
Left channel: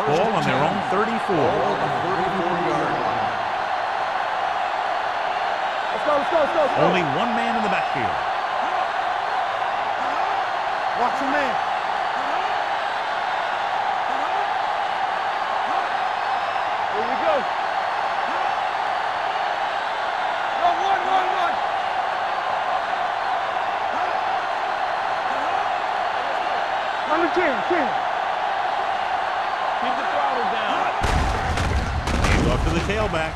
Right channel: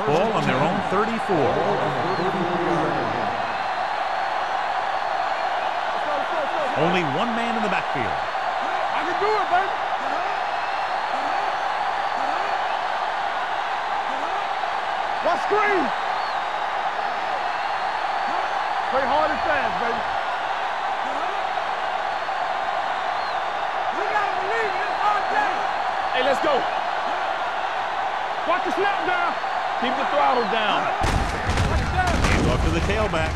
Ball on their own 34. Ball on the 34-yard line. Let's go. Only one man in the backfield. I can do it, baby. Watch the man. Watch screen. Here we go. Play hard and fast, baby. Run. Hey, let's go. Run the King. Watch the snap down. Keep the throttle down. Hands off to the tailback.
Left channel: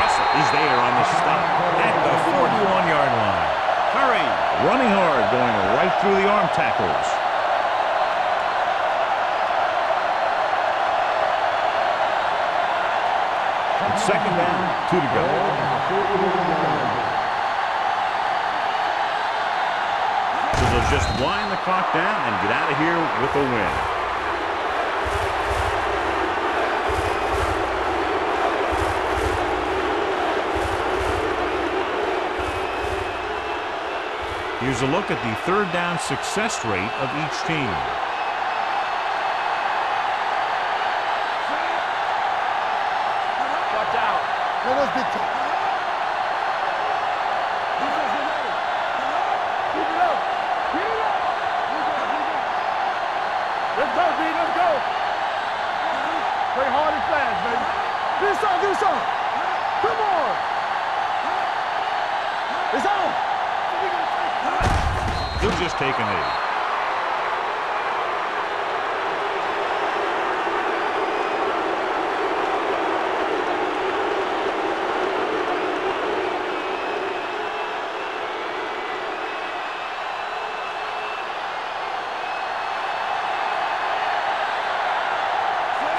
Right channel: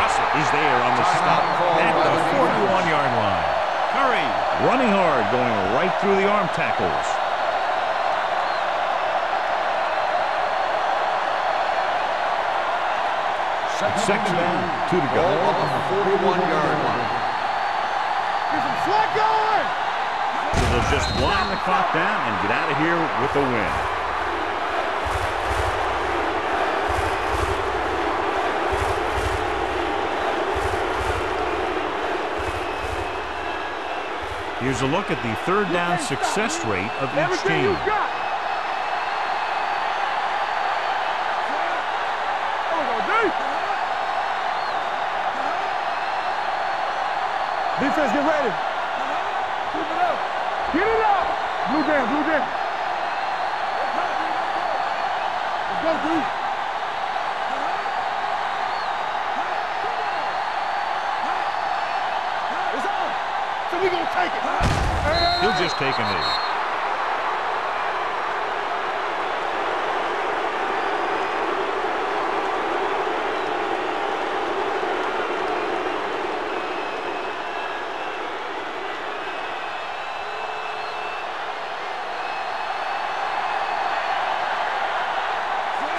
Russell is there on the stop at the 41-yard line. Curry running hard, going right through the arm tackles. It's second down, 2 to go. Ball on the 41-yard line. So they'll just wind the clock down and get out of here with a win. Here's a look at the third down success rate of each team. Defense, get ready. Keep it up. Get it up. Blue game, blue game. Let's go, B. Let's go. Let's go, Blue. Play hard and fast, baby. Do something, do something. Come on. It's on. So we gonna take it. He'll just take a knee.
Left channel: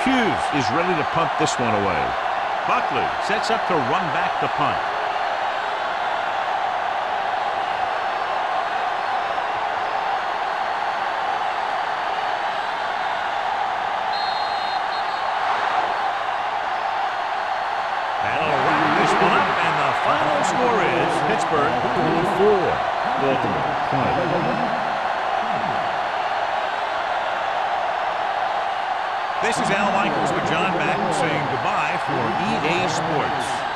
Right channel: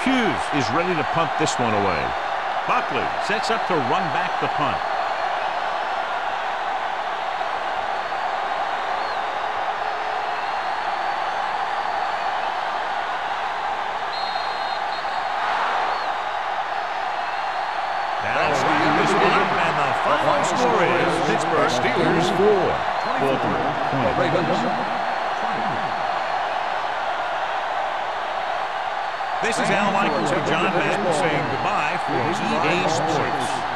Hughes is ready to punt this one away. Buckley sets up to run back the punt. That'll wrap this one up, and the final score is Pittsburgh 24, Baltimore 20. This is Al Michaels with John Madden saying goodbye for EA Sports.